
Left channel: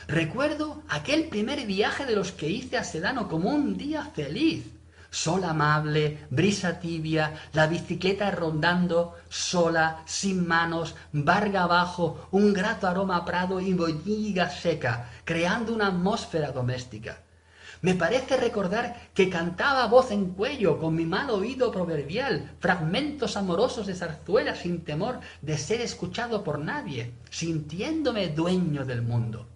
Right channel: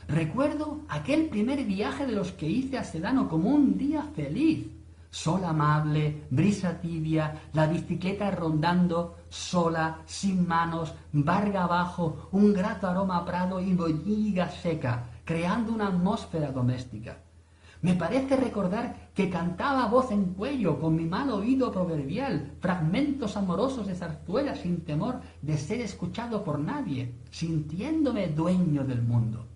Recuerdo aquel primer viaje de los que hice a Sedano como un día feliz. Sol amable, brisa tibia, la bicicleta rondando, sola, sin manos, barga abajo, un grato aroma a prado y boñiga seca, creando una atmósfera doméstica. Me parece recordar que cantaba a voz en cuello, con mi mal oído proverbial, fragmentos amorosos de zarzuela sin temor de ser escuchado por nadie, sintiéndome dueño del mundo.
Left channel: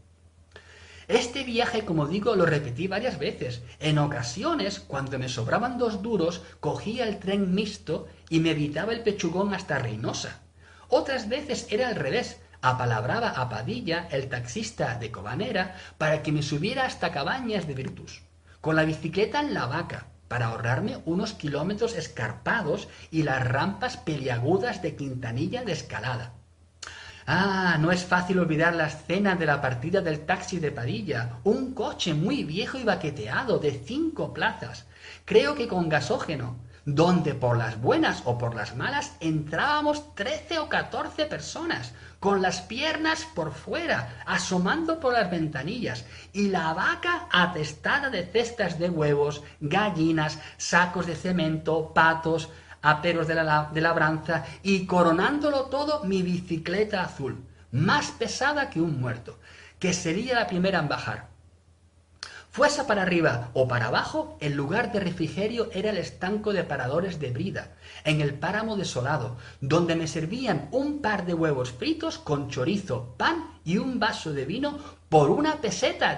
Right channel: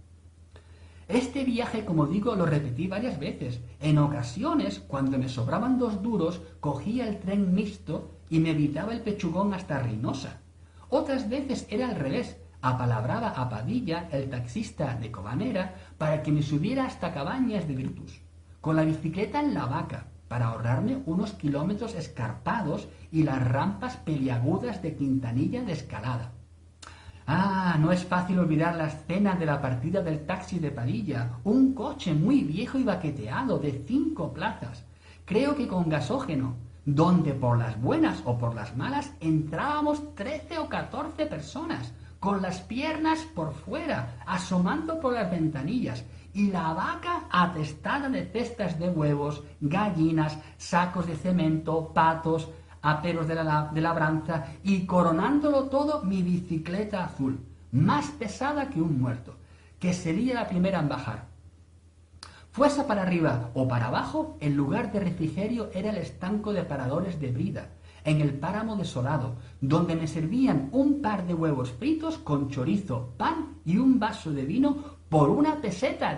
Este viaje, como digo, lo repetí varias veces. En ocasiones, cuando me sobraban 2 duros, cogía el tren mixto y me evitaba el pechugón hasta Reynosa. Otras veces era al revés. Apalabraba a Padilla, el taxista de Cobanera, para que me subiera hasta Cabañas de Virtus, con la bicicleta en la vaca, para ahorrarme unos kilómetros escarpados y las rampas peliagudas de Quintanilla de escalada. No es fácil olvidar la escena de la partida del taxi de Padilla, un coche muy viejo y baqueteado de 5 plazas, creo que con gasógeno, donde por las buenas o por las malas entrábamos 13 o 14 personas, con las piernas por fuera, asomando por las ventanillas, y la vaca atestada de cestas de huevos, gallinas, sacos de cemento, patos, aperos de labranza, y coronándolo todo mi bicicleta azul, más pesada que un muerto, que sería la primera en bajar. Fuese para arriba o para abajo, el lugar de refrigerio era el estanco de paradores de Brida, en el páramo desolado, donde me servían un par de huevos fritos con chorizo, pan y un vaso de vino por 1,10 pesetas.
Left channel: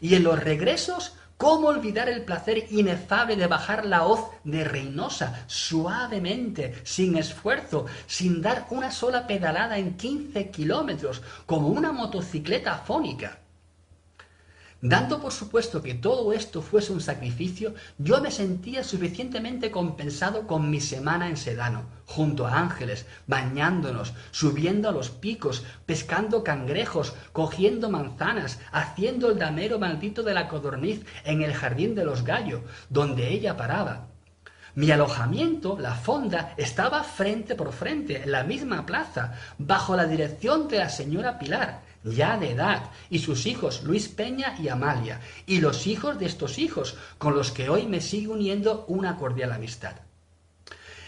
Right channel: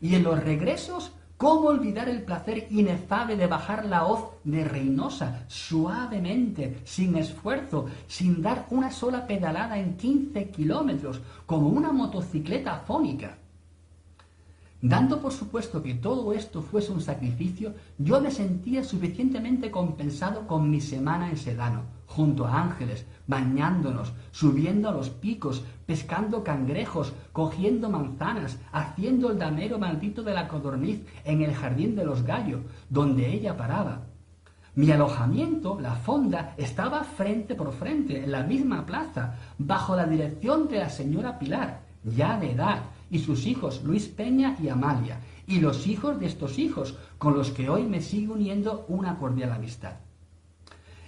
Y en los regresos, ¿cómo olvidar el placer inefable de bajar la hoz de Reynosa suavemente, sin esfuerzo, sin dar una sola pedalada en 15 kilómetros, como una motocicleta afónica? Dando por supuesto que todo esto fuese un sacrificio, yo me sentía suficientemente compensado con mi semana en Sedano, junto a Ángeles, bañándonos, subiendo a los picos, pescando cangrejos, cogiendo manzanas, haciendo el damero maldito de la codorniz en el jardín de los gallos, donde ella paraba. Mi alojamiento, la fonda, estaba frente por frente, en la misma plaza, bajo la dirección de la señora Pilar, ya de edad, y sus hijos Luis Peña y Amalia, y los hijos de estos hijos, con los que hoy me sigue uniendo una cordial amistad.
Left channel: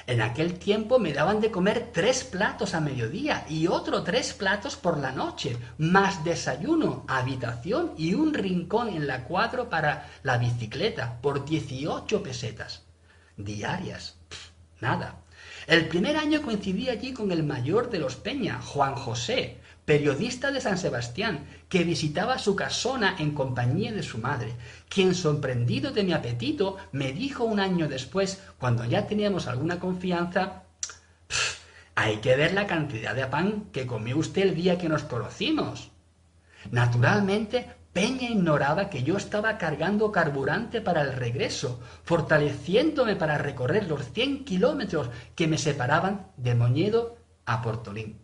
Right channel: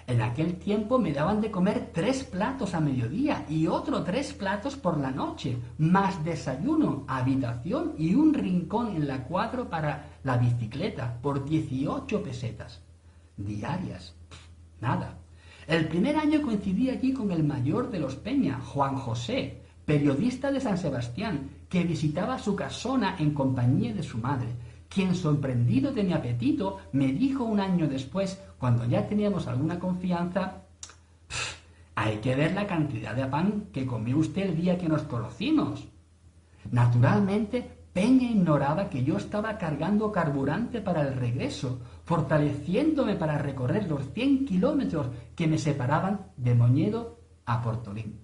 En aquel tiempo me daban de comer 3 platos a mediodía y otros 3 platos por la noche, más desayuno, habitación y un rincón en la cuadra para la bicicleta, por 18 pesetas. Diarias. Nada. El primer año coincidí allí con el mayor de los Peña, Juan José, periodista de San Sebastián, que visitaba su casona en compañía de su madre, quien, sorprendido de mi apetito, me dijo un año después, cuando ya teníamos alguna confianza: «Hay que ver la cantidad de pan que comió usted el día que nos conocimos». Naturalmente, Peña ignoraba que yo estaba cargando carburante para el regreso, fortaleciéndome para recorrer los 100 kilómetros que me separaban de Moñedo a Portolín.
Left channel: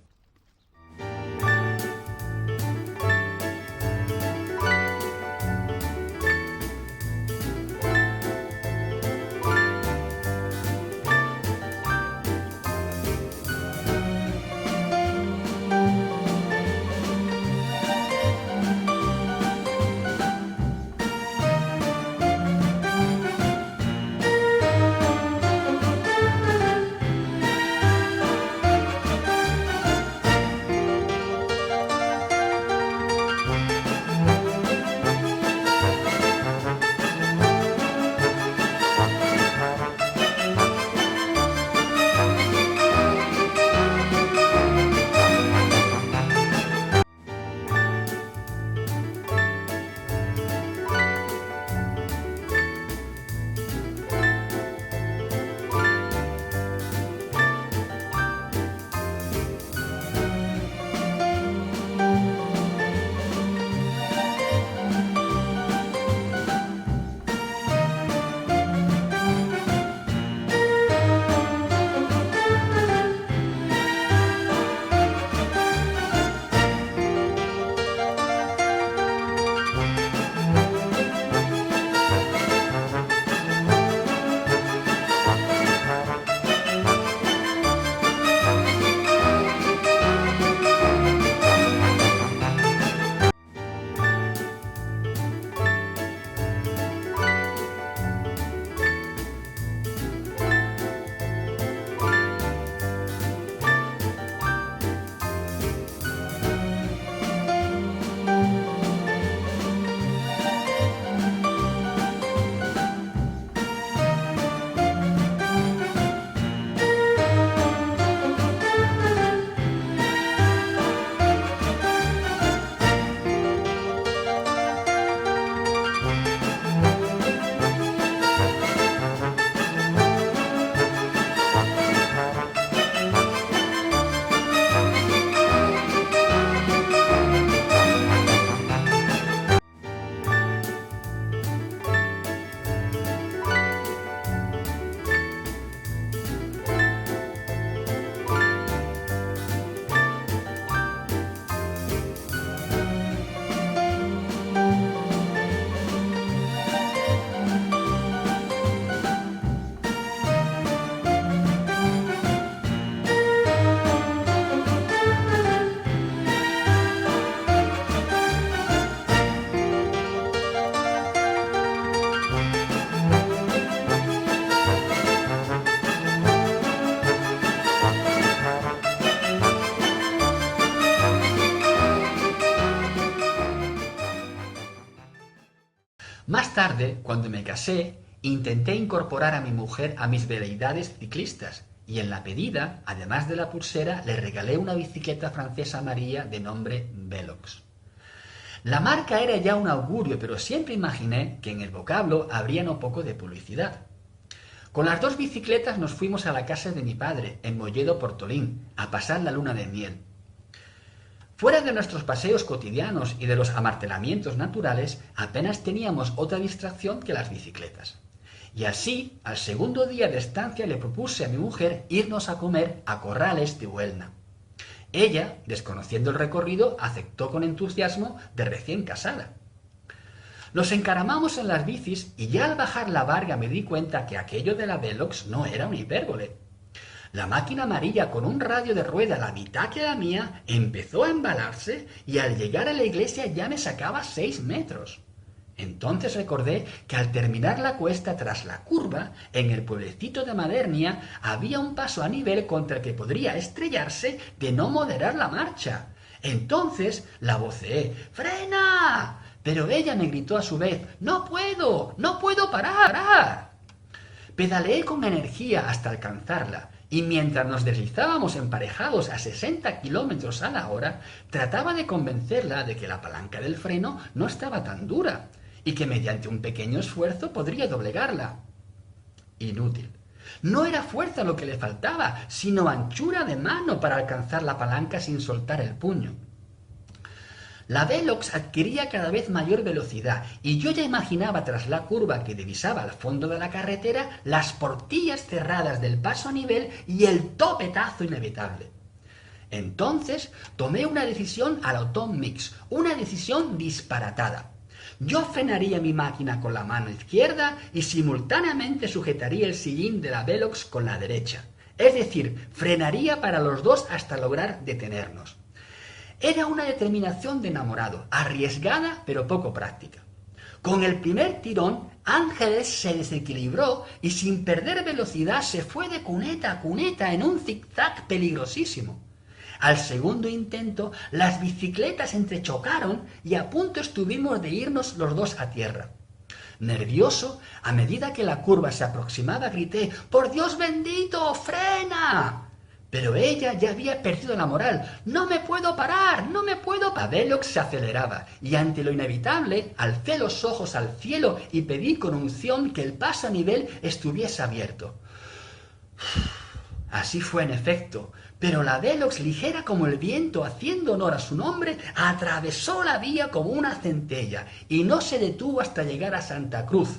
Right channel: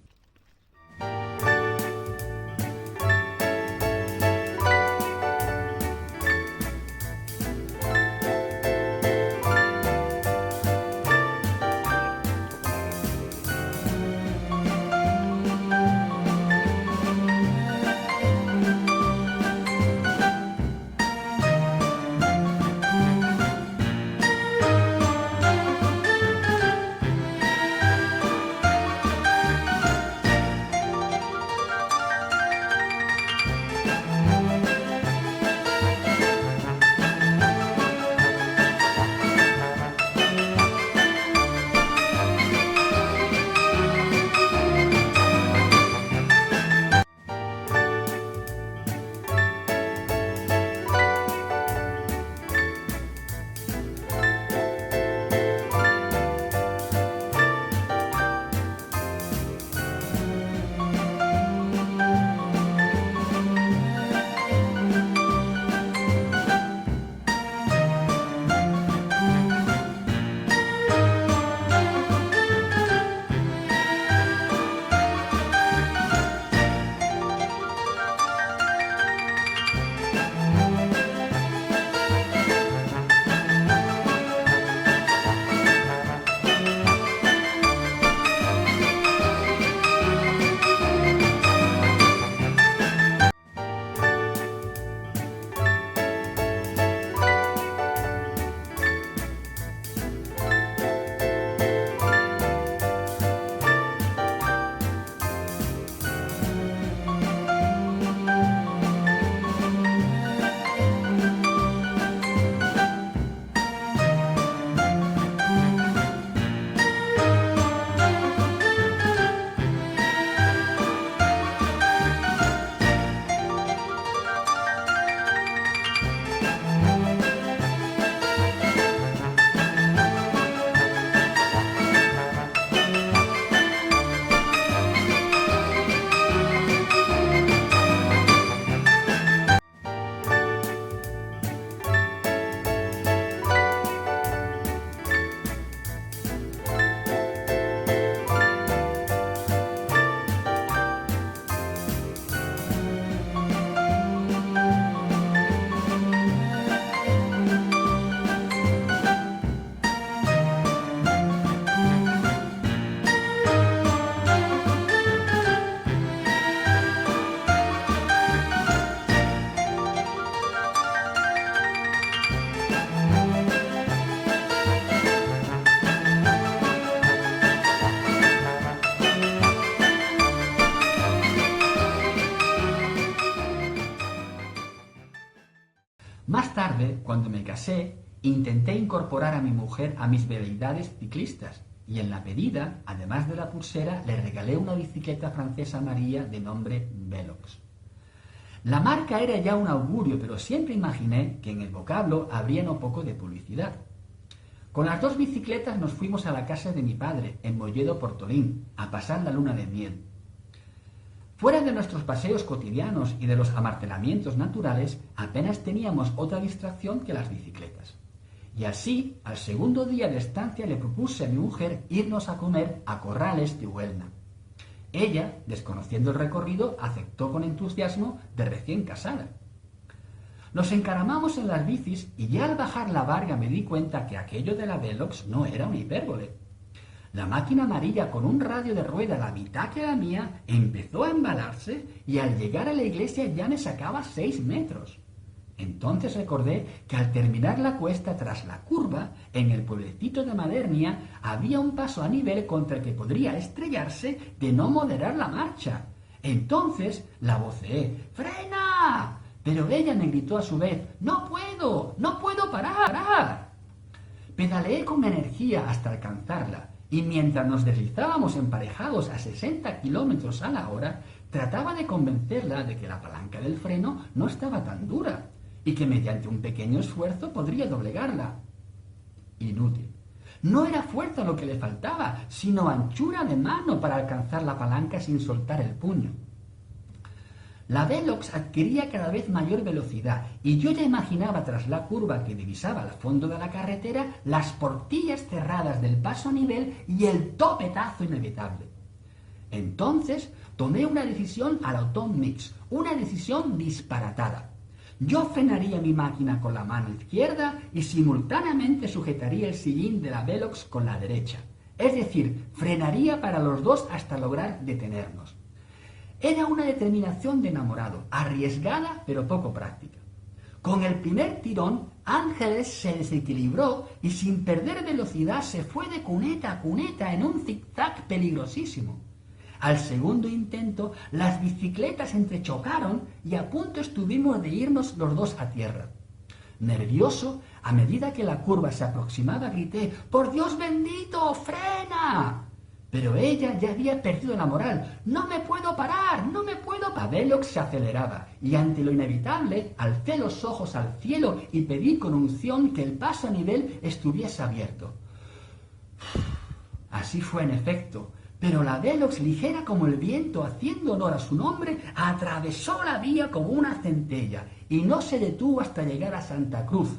tarde, cuando me casé, intenté incorporar a mi mujer a mis veleidades ciclistas y en la medida, además de la pulsera, le regalé una bicicleta francesa amarilla de nombre Velox. La marca era ya un augurio, pero siempre imaginé que en el vocablo habría no poco de publicidad. Con las 2 bicicletas nos fuimos a la casa de mi padre, en Molledo, Portolín, a pasar la luna de miel. Fuera de nuestros paseos cotidianos y de los amartelamientos naturales, apenas teníamos otra distracción que las bicicletas. Y así, al segundo día de estancia le propuse a mi mujer irnos a comer a Corrales de Huelna. Ella, desconociendo el recorrido, aceptó con entusiasmo de recién casada. Nos encaramamos en las bicis y ya al bajar la Varga me di cuenta que aquello de la Velox no era una hipérbole. La máquina amarilla con un radio de rueda la mitad que la mía empezó a embalarse y al llegar a la iglesia ya me sacaba 6 metros. Entonces recordé que al terminar la cuesta tras la curva, en el pueblecito de Madernia, había un paso a nivel contra el que podría estrellarse de no moderar la marcha. Entonces la voceé: ¡frena! Pero ella me gritó a su vez: ¡no puedo parar! Pedaleé con energía hasta alcanzarla, y mientras nos deslizábamos emparejados a 60 kilómetros a la hora, trataba de convencerla de que la palanca del freno no estaba tan dura, y que mediante un pequeño esfuerzo podría doblegarla. Inútil. No era fuerza lo que le faltaba, sino anchura de mano para alcanzar la palanca sin soltar el puño. La Velox adquiría cada vez mayor velocidad y yo ya imaginaba tras la curva que divisaba al fondo de la carretera las portillas cerradas del paso a nivel y el topetazo inevitable. Entonces tomé una decisión a la Tom Mix, una decisión disparatada. Yo frenaría mi máquina con la mano izquierda y simultáneamente sujetaría el sillín de la Velox con la derecha. Es decir, frenaría para los dos hasta lograr detenernos. Era una determinación de enamorado, arriesgada pero poco práctica. Con el primer tirón, Ángeles se desequilibró y sin perder velocidad se fue de cuneta a cuneta en un zigzag peligrosísimo. Al segundo intento, las bicicletas entrechocaron y a punto estuvimos de irnos los dos a tierra. Nervioso, a medida que la curva se aproximaba, grité: ¡por Dios bendito, frena! Pero ella ya había perdido la moral. ¡No me puedo parar! ¡No me puedo parar! La Velox se aceleraba y ante lo inevitable alcé los ojos al cielo y pedí con unción que el paso a nivel estuviese abierto. Así fue en efecto, pero la Velox, ligera como el viento, haciendo honor a su nombre, atravesó la vía como una centella y no se detuvo hasta llegar a Santa Cruz,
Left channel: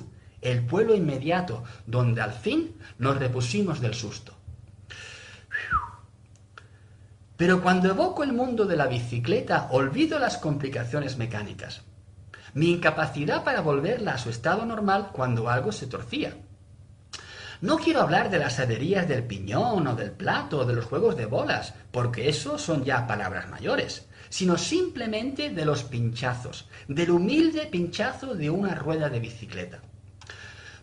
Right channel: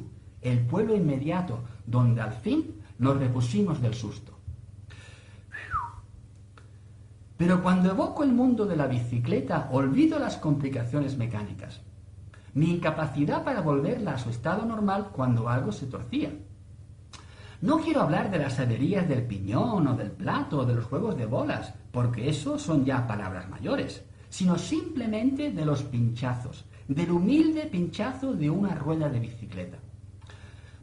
el pueblo inmediato, donde al fin nos repusimos del susto. Pero cuando evoco el mundo de la bicicleta, olvido las complicaciones mecánicas. Mi incapacidad para volverla a su estado normal cuando algo se torcía. No quiero hablar de las averías del piñón o del plato o de los juegos de bolas, porque eso son ya palabras mayores, sino simplemente de los pinchazos, del humilde pinchazo de una rueda de bicicleta.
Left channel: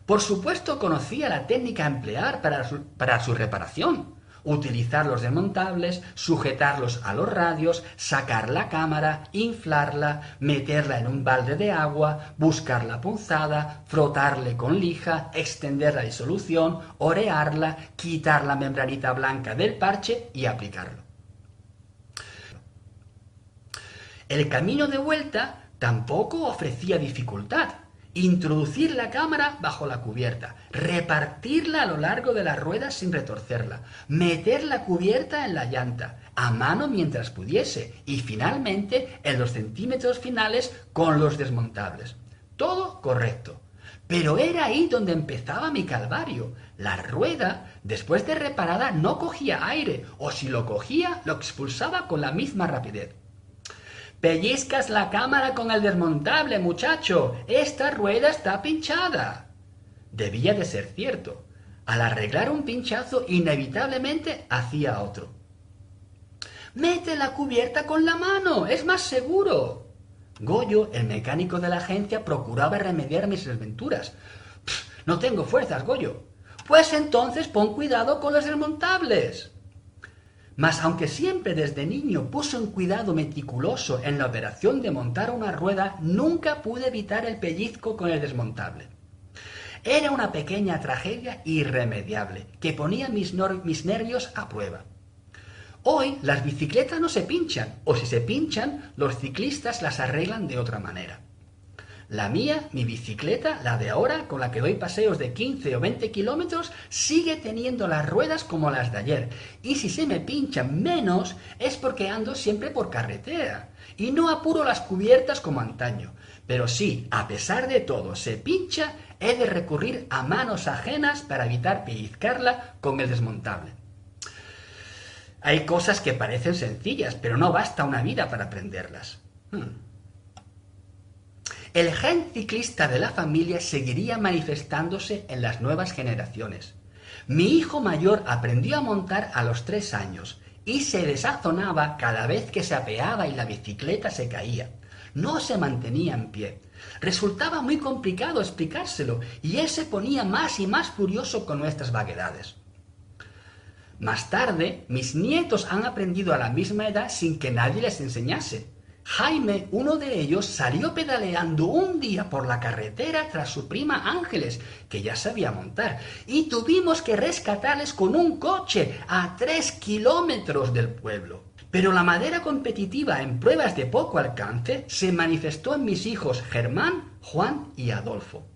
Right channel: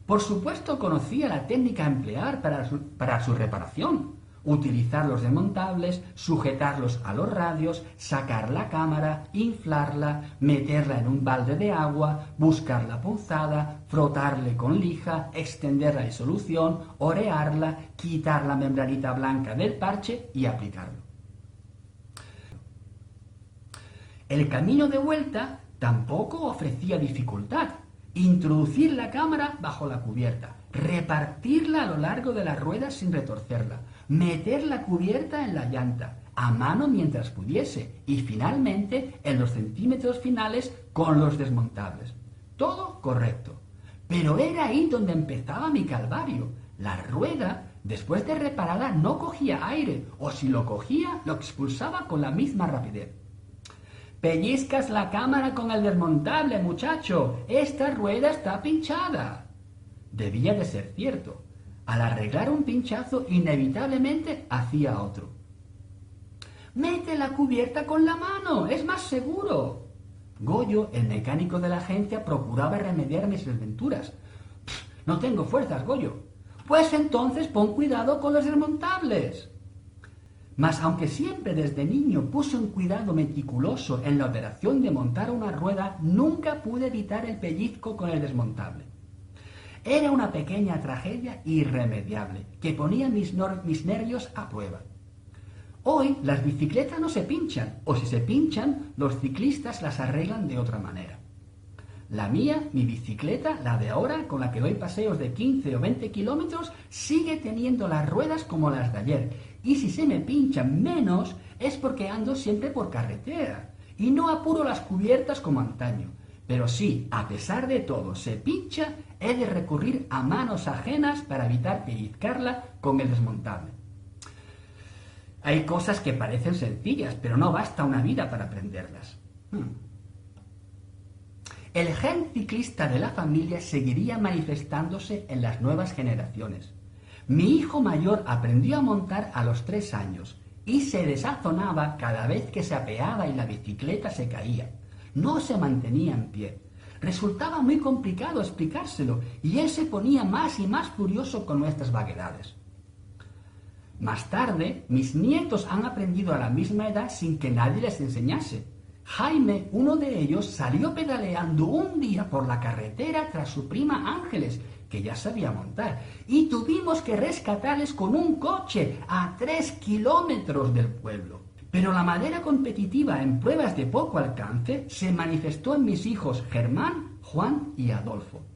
Por supuesto conocía la técnica a emplear para su reparación. Utilizar los desmontables, sujetarlos a los radios, sacar la cámara, inflarla, meterla en un balde de agua, buscar la punzada, frotarle con lija, extender la disolución, orearla, quitar la membranita blanca del parche y aplicarlo. El camino de vuelta tampoco ofrecía dificultad. Introducir la cámara bajo la cubierta, repartirla a lo largo de la rueda sin retorcerla, meter la cubierta en la llanta, a mano mientras pudiese, y finalmente en los centímetros finales con los desmontables. Todo correcto. Pero era ahí donde empezaba mi calvario. La rueda, después de reparada, no cogía aire, o si lo cogía, lo expulsaba con la misma rapidez. «Pellizcas la cámara con el desmontable, muchacho. Esta rueda está pinchada». Debía de ser cierto. Al arreglar un pinchazo, inevitablemente hacía otro. «Mete la cubierta con la mano, es más seguro». Goyo, el mecánico de la agencia, procuraba remediar mis desventuras. «No tengo fuerzas, Goyo». «Pues entonces pon cuidado con los desmontables». Mas aunque siempre desde niño puse un cuidado meticuloso en la operación de montar una rueda, nunca pude evitar el pellizco con el desmontable. Era una pequeña tragedia irremediable, que ponía mis nervios a prueba. Hoy las bicicletas no se pinchan, o si se pinchan, los ciclistas las arreglan de otra manera. La mía, mi bicicleta, la de ahora, con la que doy paseos de 15 o 20 kilómetros, sigue teniendo las ruedas como las de ayer. Y si se me pinchan menos, es porque ando siempre por carretera. Y no apuro las cubiertas como antaño. Pero sí, a pesar de todo, se pincha, he de recurrir a manos ajenas para evitar pellizcarla con el desmontable. Hay cosas que parecen sencillas, pero no basta una vida para aprenderlas. El gen ciclista de la familia seguiría manifestándose en las nuevas generaciones. Mi hijo mayor aprendió a montar a los 3 años y se desazonaba cada vez que se apeaba y la bicicleta se caía. No se mantenía en pie. Resultaba muy complicado explicárselo y él se ponía más y más furioso con nuestras vaguedades. Más tarde, mis nietos han aprendido a la misma edad sin que nadie les enseñase. Jaime, uno de ellos, salió pedaleando un día por la carretera tras su prima Ángeles, que ya sabía montar, y tuvimos que rescatarles con un coche a 3 kilómetros del pueblo. Pero la madera competitiva en pruebas de poco alcance se manifestó en mis hijos Germán, Juan y Adolfo.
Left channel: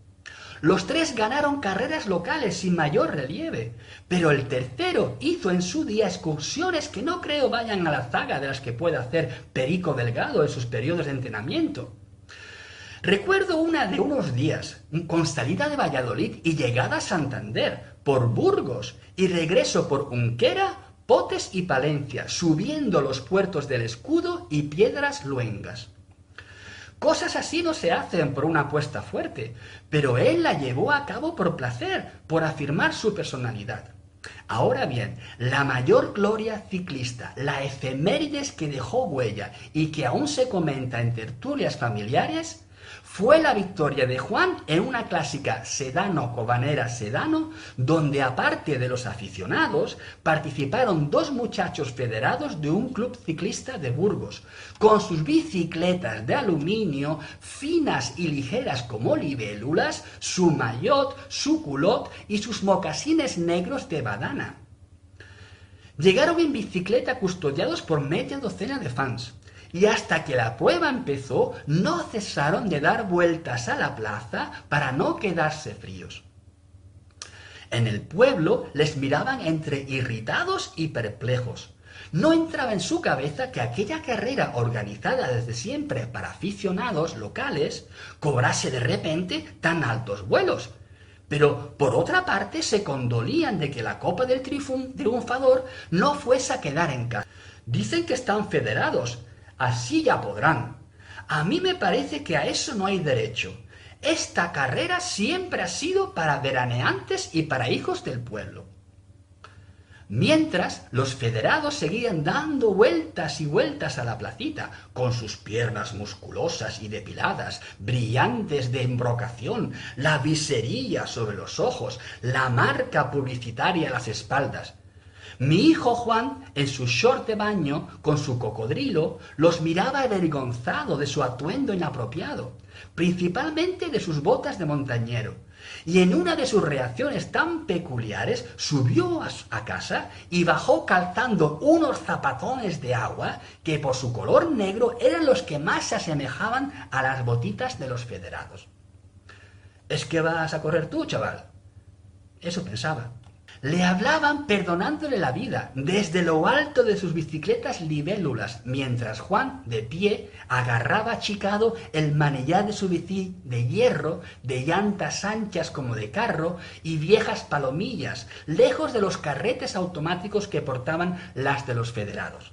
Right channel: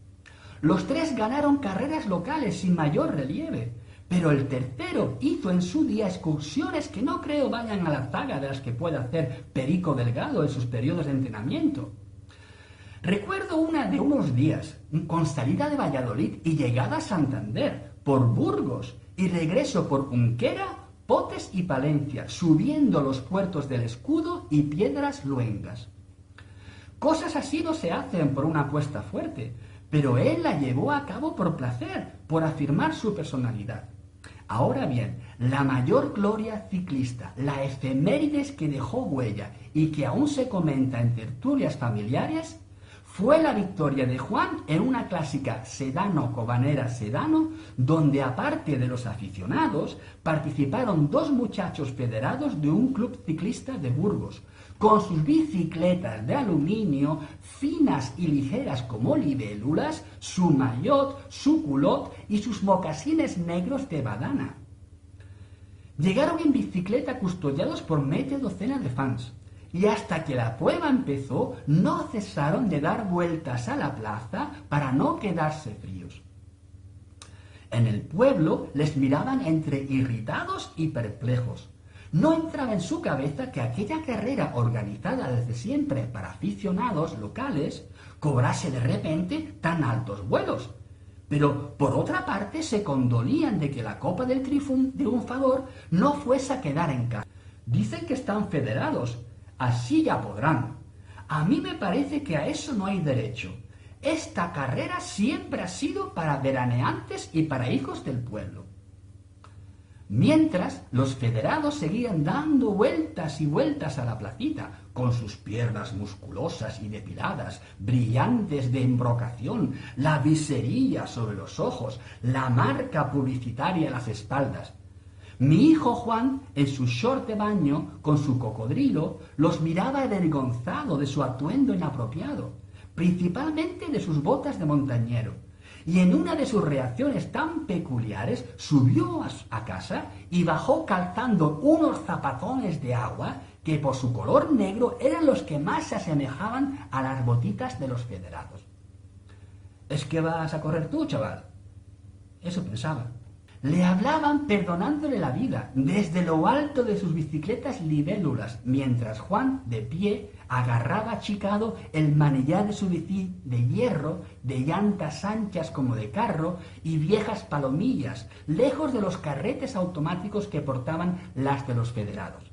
Los 3 ganaron carreras locales sin mayor relieve, pero el tercero hizo en su día excursiones que no creo vayan a la zaga de las que puede hacer Perico Delgado en sus periodos de entrenamiento. Recuerdo una de unos días, con salida de Valladolid y llegada a Santander, por Burgos, y regreso por Unquera, Potes y Palencia, subiendo los puertos del Escudo y Piedras Luengas. Cosas así no se hacen por una apuesta fuerte, pero él la llevó a cabo por placer, por afirmar su personalidad. Ahora bien, la mayor gloria ciclista, la efemérides que dejó huella y que aún se comenta en tertulias familiares, fue la victoria de Juan en una clásica Sedano-Cobanera-Sedano, donde aparte de los aficionados, participaron 2 muchachos federados de un club ciclista de Burgos, con sus bicicletas de aluminio, finas y ligeras como libélulas, su maillot, su culot y sus mocasines negros de banana. Llegaron en bicicleta custodiados por media docena de fans. Y hasta que la prueba empezó, no cesaron de dar vueltas a la plaza para no quedarse fríos. En el pueblo les miraban entre irritados y perplejos. No entraba en su cabeza que aquella carrera organizada desde siempre para aficionados locales cobrase de repente tan altos vuelos. Pero, por otra parte, se condolían de que la Copa del Triunfador no fuese a quedar en casa. Dicen que están federados. Así ya podrán. A mí me parece que a eso no hay derecho. Esta carrera siempre ha sido para veraneantes y para hijos del pueblo. Mientras, los federados seguían dando vueltas y vueltas a la placita, con sus piernas musculosas y depiladas, brillantes de embrocación, la viserilla sobre los ojos, la marca publicitaria a las espaldas. Mi hijo Juan, en su short de baño, con su cocodrilo, los miraba avergonzado de su atuendo inapropiado, principalmente de sus botas de montañero, y en una de sus reacciones tan peculiares subió a casa y bajó calzando unos zapatones de agua que por su color negro eran los que más se asemejaban a las botitas de los federados. ¿Es que vas a correr tú, chaval? Eso pensaba. Le hablaban perdonándole la vida desde lo alto de sus bicicletas libélulas, mientras Juan, de pie, agarraba achicado el manillar de su bici de hierro, de llantas anchas como de carro y viejas palomillas, lejos de los carretes automáticos que portaban las de los federados.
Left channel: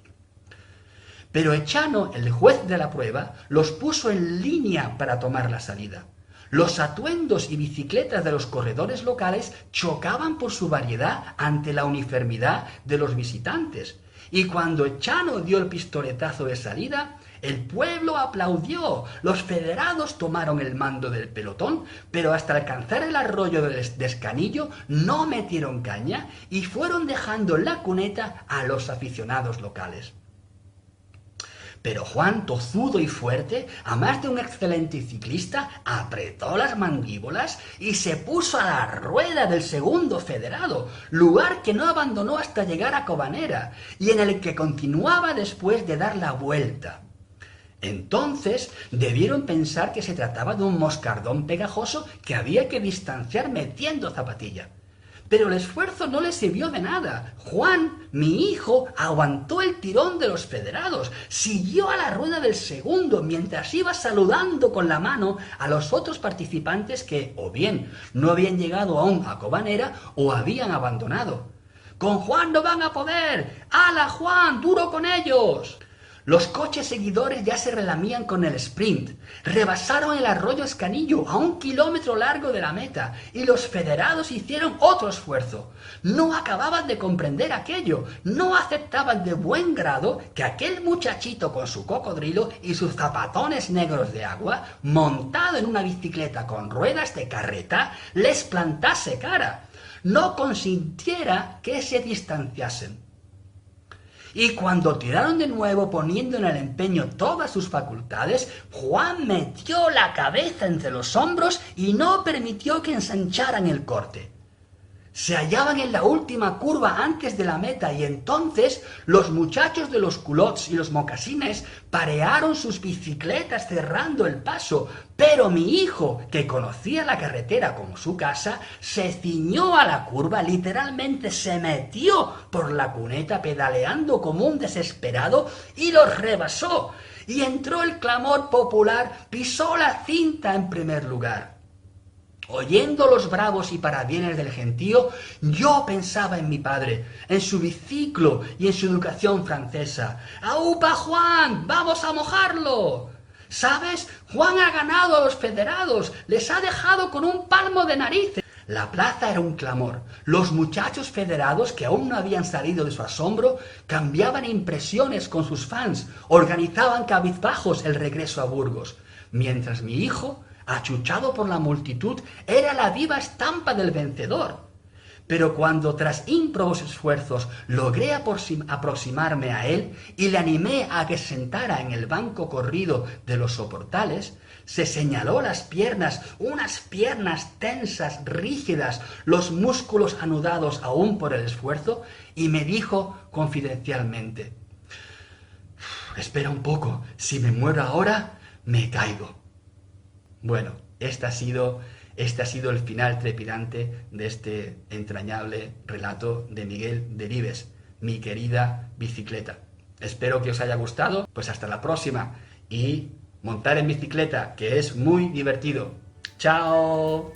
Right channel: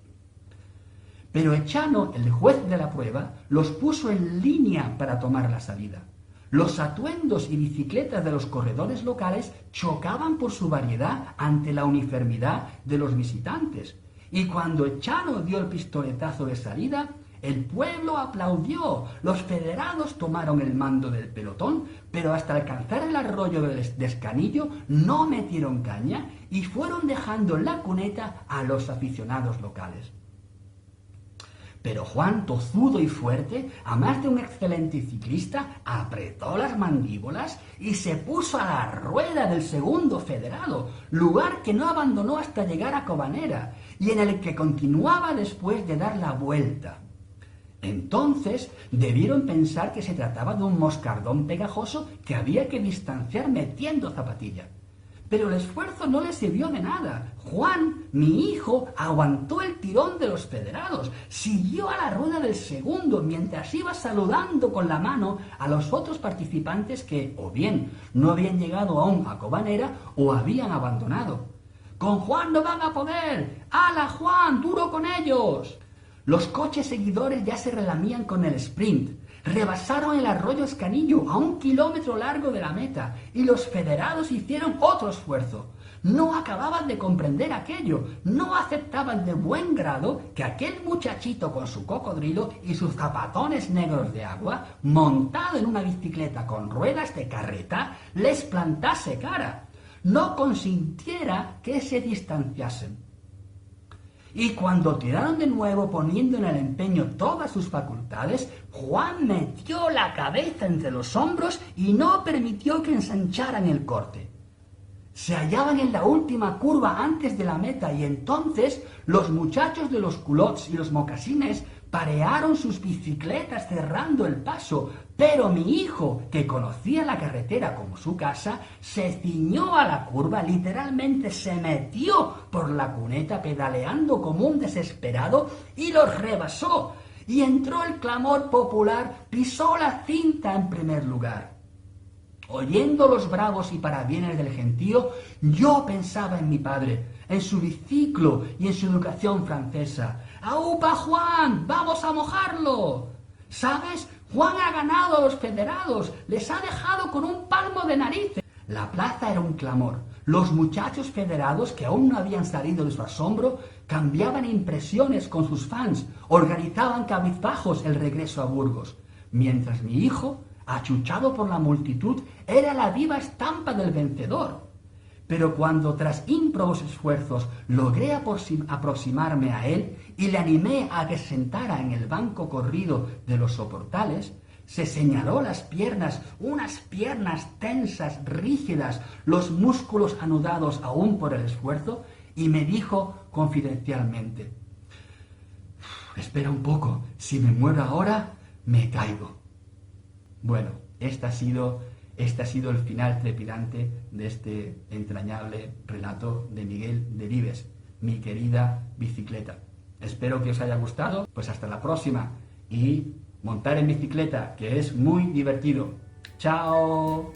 Pero Echano, el juez de la prueba, los puso en línea para tomar la salida. Los atuendos y bicicletas de los corredores locales chocaban por su variedad ante la uniformidad de los visitantes, y cuando Echano dio el pistoletazo de salida, El pueblo aplaudió. Los federados tomaron el mando del pelotón, pero hasta alcanzar el arroyo de Escanillo no metieron caña y fueron dejando en la cuneta a los aficionados locales. Pero Juan, tozudo y fuerte, a más de un excelente ciclista, apretó las mandíbulas y se puso a la rueda del segundo federado, lugar que no abandonó hasta llegar a Cobanera, y en el que continuaba después de dar la vuelta. Entonces debieron pensar que se trataba de un moscardón pegajoso que había que distanciar metiendo zapatilla. Pero el esfuerzo no le sirvió de nada. Juan, mi hijo, aguantó el tirón de los federados, siguió a la rueda del segundo mientras iba saludando con la mano a los otros participantes que, o bien, no habían llegado aún a Cobanera o habían abandonado. ¡Con Juan no van a poder! ¡Hala, Juan, duro con ellos! Los coches seguidores ya se relamían con el sprint. Rebasaron el arroyo Escanillo a 1 kilómetro largo de la meta y los federados hicieron otro esfuerzo. No acababan de comprender aquello, no aceptaban de buen grado que aquel muchachito con su cocodrilo y sus zapatones negros de agua, montado en una bicicleta con ruedas de carreta, les plantase cara. No consintiera que se distanciasen. Y cuando tiraron de nuevo poniendo en el empeño todas sus facultades, Juan metió la cabeza entre los hombros y no permitió que ensancharan el corte. Se hallaban en la última curva antes de la meta y entonces los muchachos de los culottes y los mocasines parearon sus bicicletas cerrando el paso, pero mi hijo, que conocía la carretera como su casa, se ciñó a la curva, literalmente se metió por la cuneta pedaleando como un desesperado y los rebasó. Y entró el clamor popular, pisó la cinta en primer lugar. Oyendo los bravos y parabienes del gentío, yo pensaba en mi padre, en su biciclo y en su educación francesa. ¡Aupa, Juan! ¡Vamos a mojarlo! ¿Sabes? Juan ha ganado a los federados, les ha dejado con un palmo de narices. La plaza era un clamor. Los muchachos federados, que aún no habían salido de su asombro, cambiaban impresiones con sus fans, organizaban cabizbajos el regreso a Burgos, mientras mi hijo, achuchado por la multitud, era la viva estampa del vencedor. Pero cuando tras ímprobos esfuerzos logré aproximarme a él y le animé a que se sentara en el banco corrido de los soportales, se señaló las piernas, unas piernas tensas, rígidas, los músculos anudados aún por el esfuerzo, y me dijo confidencialmente: «Espera un poco, si me muero ahora, me caigo». Bueno, este ha sido el final trepidante de este entrañable relato de Miguel Delibes, Mi querida bicicleta. Espero que os haya gustado, pues hasta la próxima, y montar en bicicleta, que es muy divertido. ¡Chao!